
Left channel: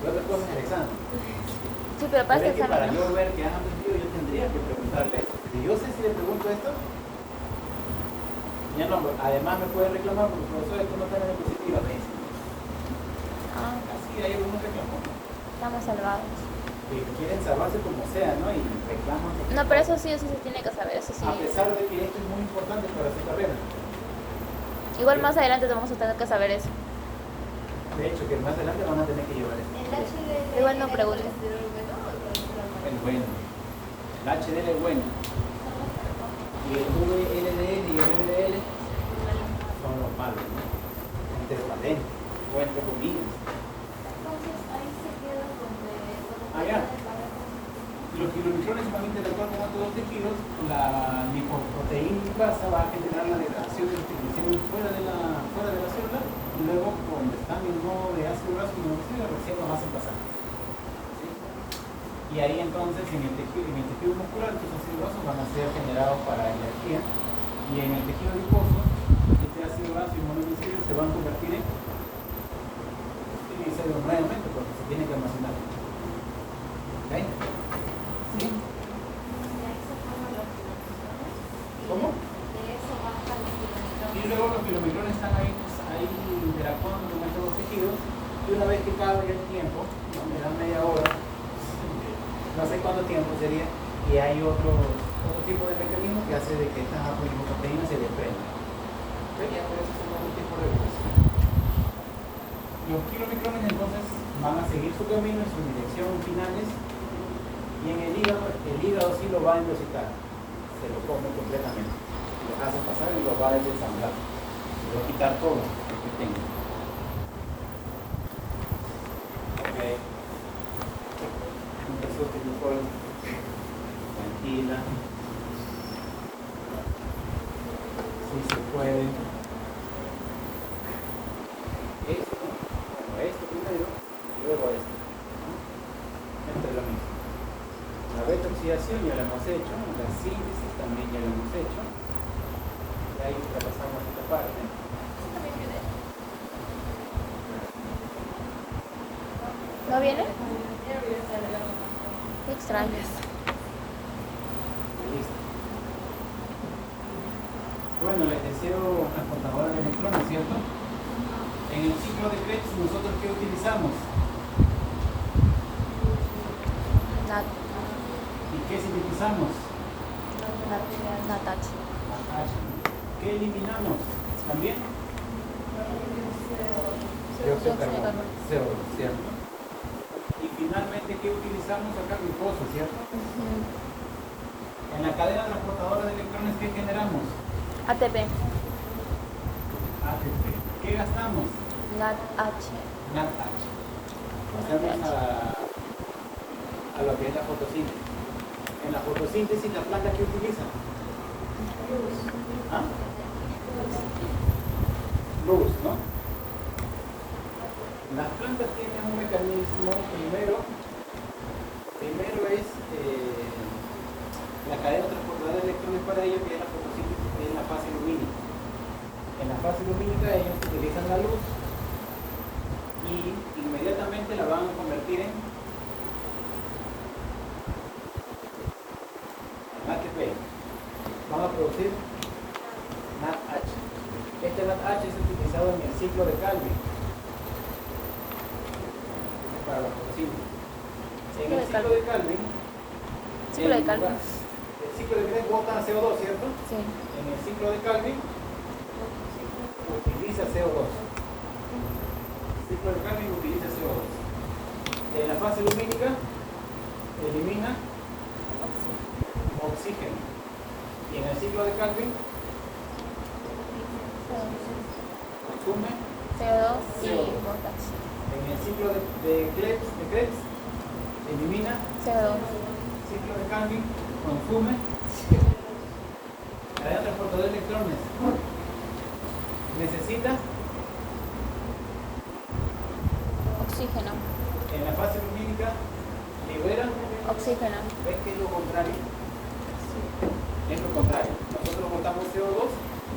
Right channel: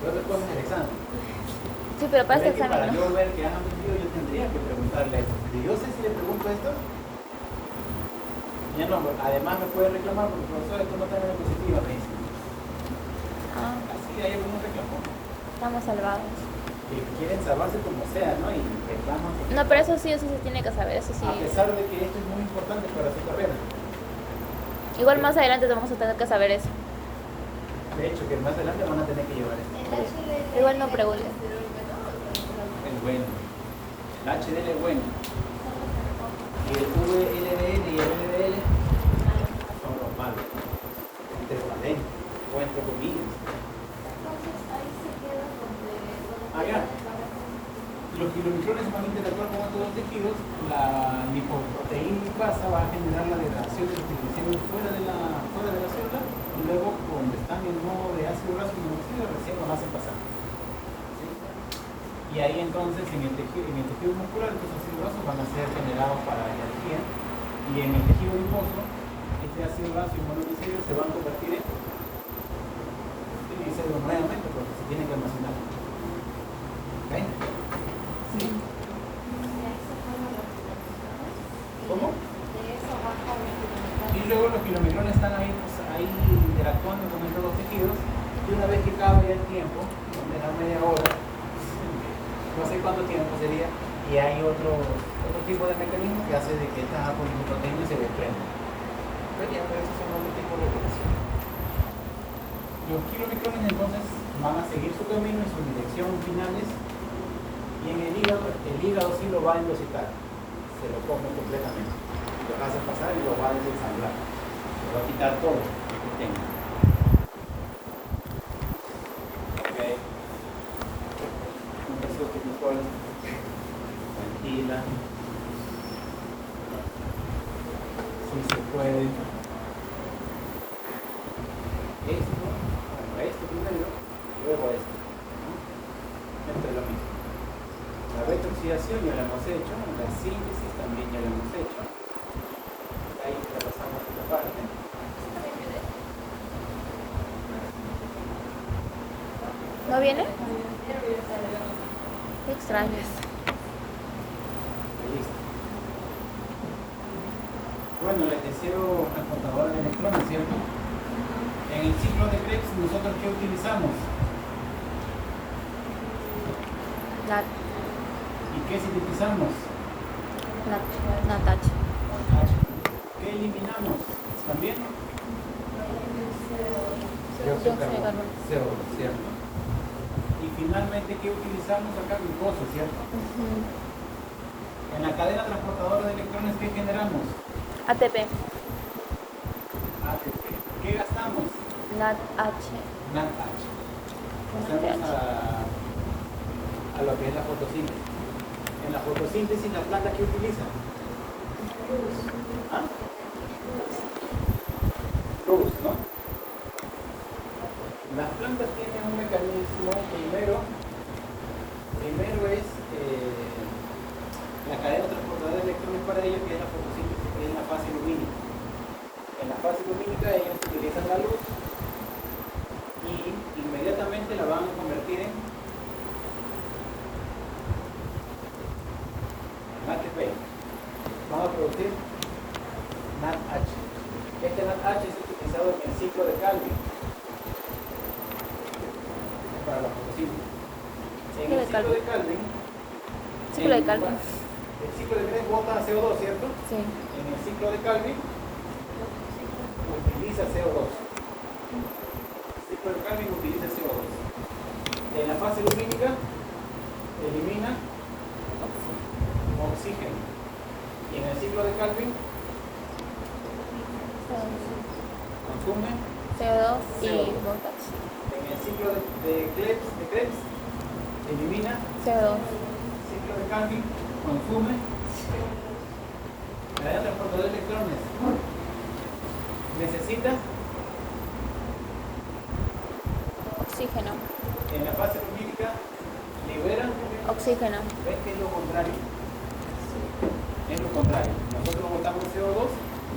Yo respondo en el examen. Sí, pero para Pero este es que para examen, yo ¿no? ver que han aprendido, yo tendría que preguntarle esto. Si yo sé si le pregunto esto, ya no, además me puede reclamar porque por eso después no está en el positivo, me dice. Ah, Así hay algunos reclamos estamos salvados. que quieren salvarse como sea, ¿no? Y reclaman. No, pero eso sí se tiene que saber, eso sí. A pesar de que esto es muy importante para su carrera. Igual más adelante vamos a tener que saber eso. De hecho, que más adelante van a tener que llevar esto. Igual no pregunten. El bueno. El HDL es bueno. Y el VLDL y el LDL son los malos, ¿no? Entre talento, o entre comillas. Allá. Los kilomicrones van a interactuar con otros tejidos. La lipoproteína lipasa va a generar la degradación de los triglicéridos fuera de la célula y luego donde están en modo de ácido graso y monóxido recién los hacen pasar. Y ahí entonces en el tejido muscular estos ácidos grasos van a ser generados para energía y en el tejido adiposo este ácido graso y monoglicéridos se van a convertir en triglicéridos nuevamente porque se tienen que almacenar. ¿Ok? ¿Sí? ¿Cómo? Y luego los kilomicrones están ahí interactuando con estos dos tejidos y una vez que cabe ya el tiempo, no me da media hora, no sé cuánto tiempo sería, y hay otro tipo de mecanismo que hace de que estas apolipoproteínas se desprendan. ¿Ven? Ya, pero esos son otro tipo de regulación. Los kilomicrones entonces van a seguir su camino en su dirección finales y en el hígado sí lo va a endositar, se lo come completamente, lo hace pasar y lo va a desensamblar, se va a quitar todo lo que tenga. Ok. Un tercio que Nicole, tranquila, si se puede. Esto primero, luego esto. Entre lo mismo. La retroxidación ya la hemos hecho, la síntesis también ya la hemos hecho. Ahí está pasando esta parte. ¿No viene? Qué extraño. Listo. Bueno, el tercero transportador de electrones, ¿cierto? En el ciclo de Krebs, ¿nosotros qué utilizamos? Nat, ¿Y qué sintetizamos? Natach. ¿Qué eliminamos? ¿También? Dióxido de Dióxido de carbono. carbono. CO2, ¿cierto? Y finalmente, ¿qué utilizamos acá? Glucosa, ¿cierto? Ujú. En la cadena transportadora de electrones, ¿qué generamos? ATP, ATP. ¿Qué gastamos? NADH. NADH. Pasamos a lo que es la fotosíntesis. En la fotosíntesis, ¿la planta qué utiliza? ¿Ah? Luz, ¿no? Las plantas tienen un mecanismo, primero es la cadena transportadora de electrones para ellos, que es la fotosíntesis, que es la fase lumínica. En la fase lumínica ellos utilizan la luz y inmediatamente la van a convertir en ATP. Van a producir NADH. Este NADH es utilizado en el ciclo de Calvin para la fotosíntesis. En el ciclo de Calvin, Ciclo de Calvin. el ciclo de Calvin bota CO2, ¿cierto? Sí. En el ciclo de Calvin utiliza CO2. El ciclo de Calvin utiliza CO2. En la fase lumínica elimina oxígeno. Y en el ciclo de Calvin consume CO2 y CO2. potasio. En el ciclo de Krebs elimina. CO2. Ciclo de Calvin consume. Cadena transportadora de electrones necesita. Oxígeno. En la fase lumínica libera. Oxígeno. ¿Ves que es lo contrario? Es lo contrario. Nosotros botamos CO2,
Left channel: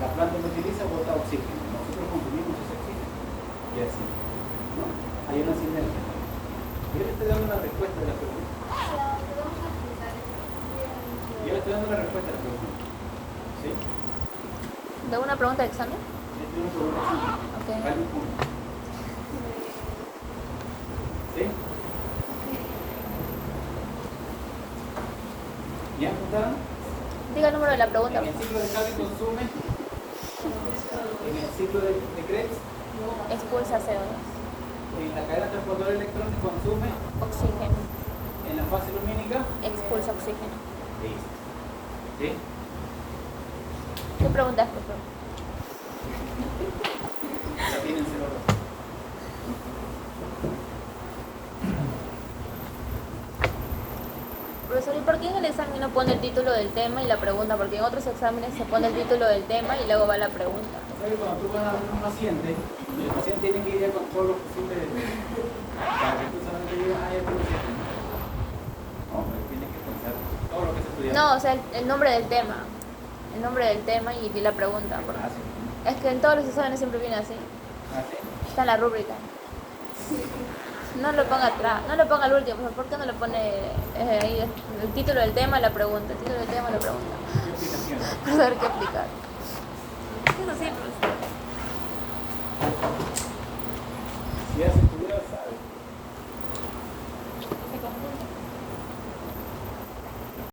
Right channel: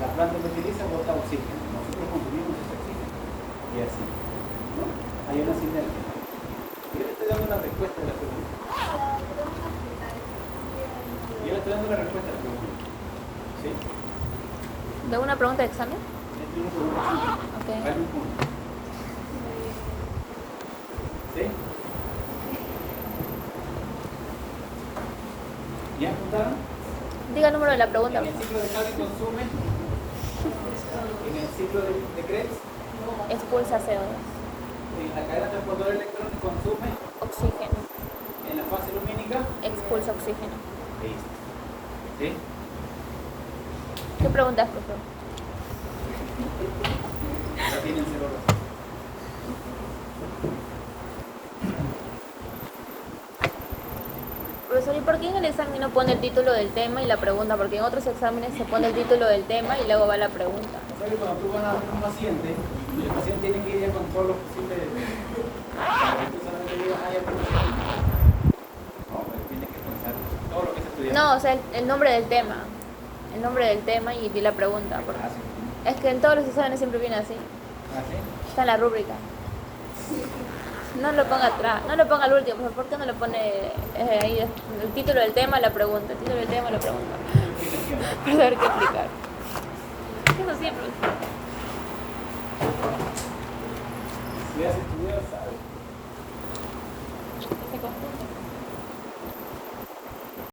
la planta lo utiliza, bota oxígeno. Nosotros consumimos ese oxígeno. Y así. ¿No? Hay una sinergia. Yo le estoy dando una respuesta a la pregunta. Yo le estoy dando una respuesta a la pregunta. ¿Sí? ¿De una pregunta de examen? Le estoy dando una pregunta. Ok. Vale un punto. ¿Sí? ¿Ya apuntaron? Diga el número de la pregunta. En el ciclo de Calvin consume. En el ciclo de Krebs, Expulsa CO2. en la cadena transportadora de electrones consume. Oxígeno. En la fase lumínica. Expulsa oxígeno. Listo. ¿Sí? ¿Qué preguntas, profesor? Ya tienen CO2. Profesor, ¿y por qué en el examen no pone el título del tema y la pregunta? Porque en otros exámenes se pone el título del tema y luego va la pregunta. Oye, cuando tú vas a ver un paciente, y el paciente tiene que ir con todos los posibles. Para que tú solamente digas, ay, ya tengo que. No, pero tienes que pensar todo lo que se estudia. No, o sea, el nombre del tema. El nombre del tema y vi la pregunta. Porque es que en todos los exámenes siempre viene así. ¿Ah, sí? Está en la rúbrica. No lo ponga atrás, no lo ponga al último, ¿por qué no lo pone ahí el título del tema, la pregunta, el título del tema, la pregunta? Explicación. Para saber qué explicar. Eso sí, profesor. Si has estudiado, sabes. Se confunde.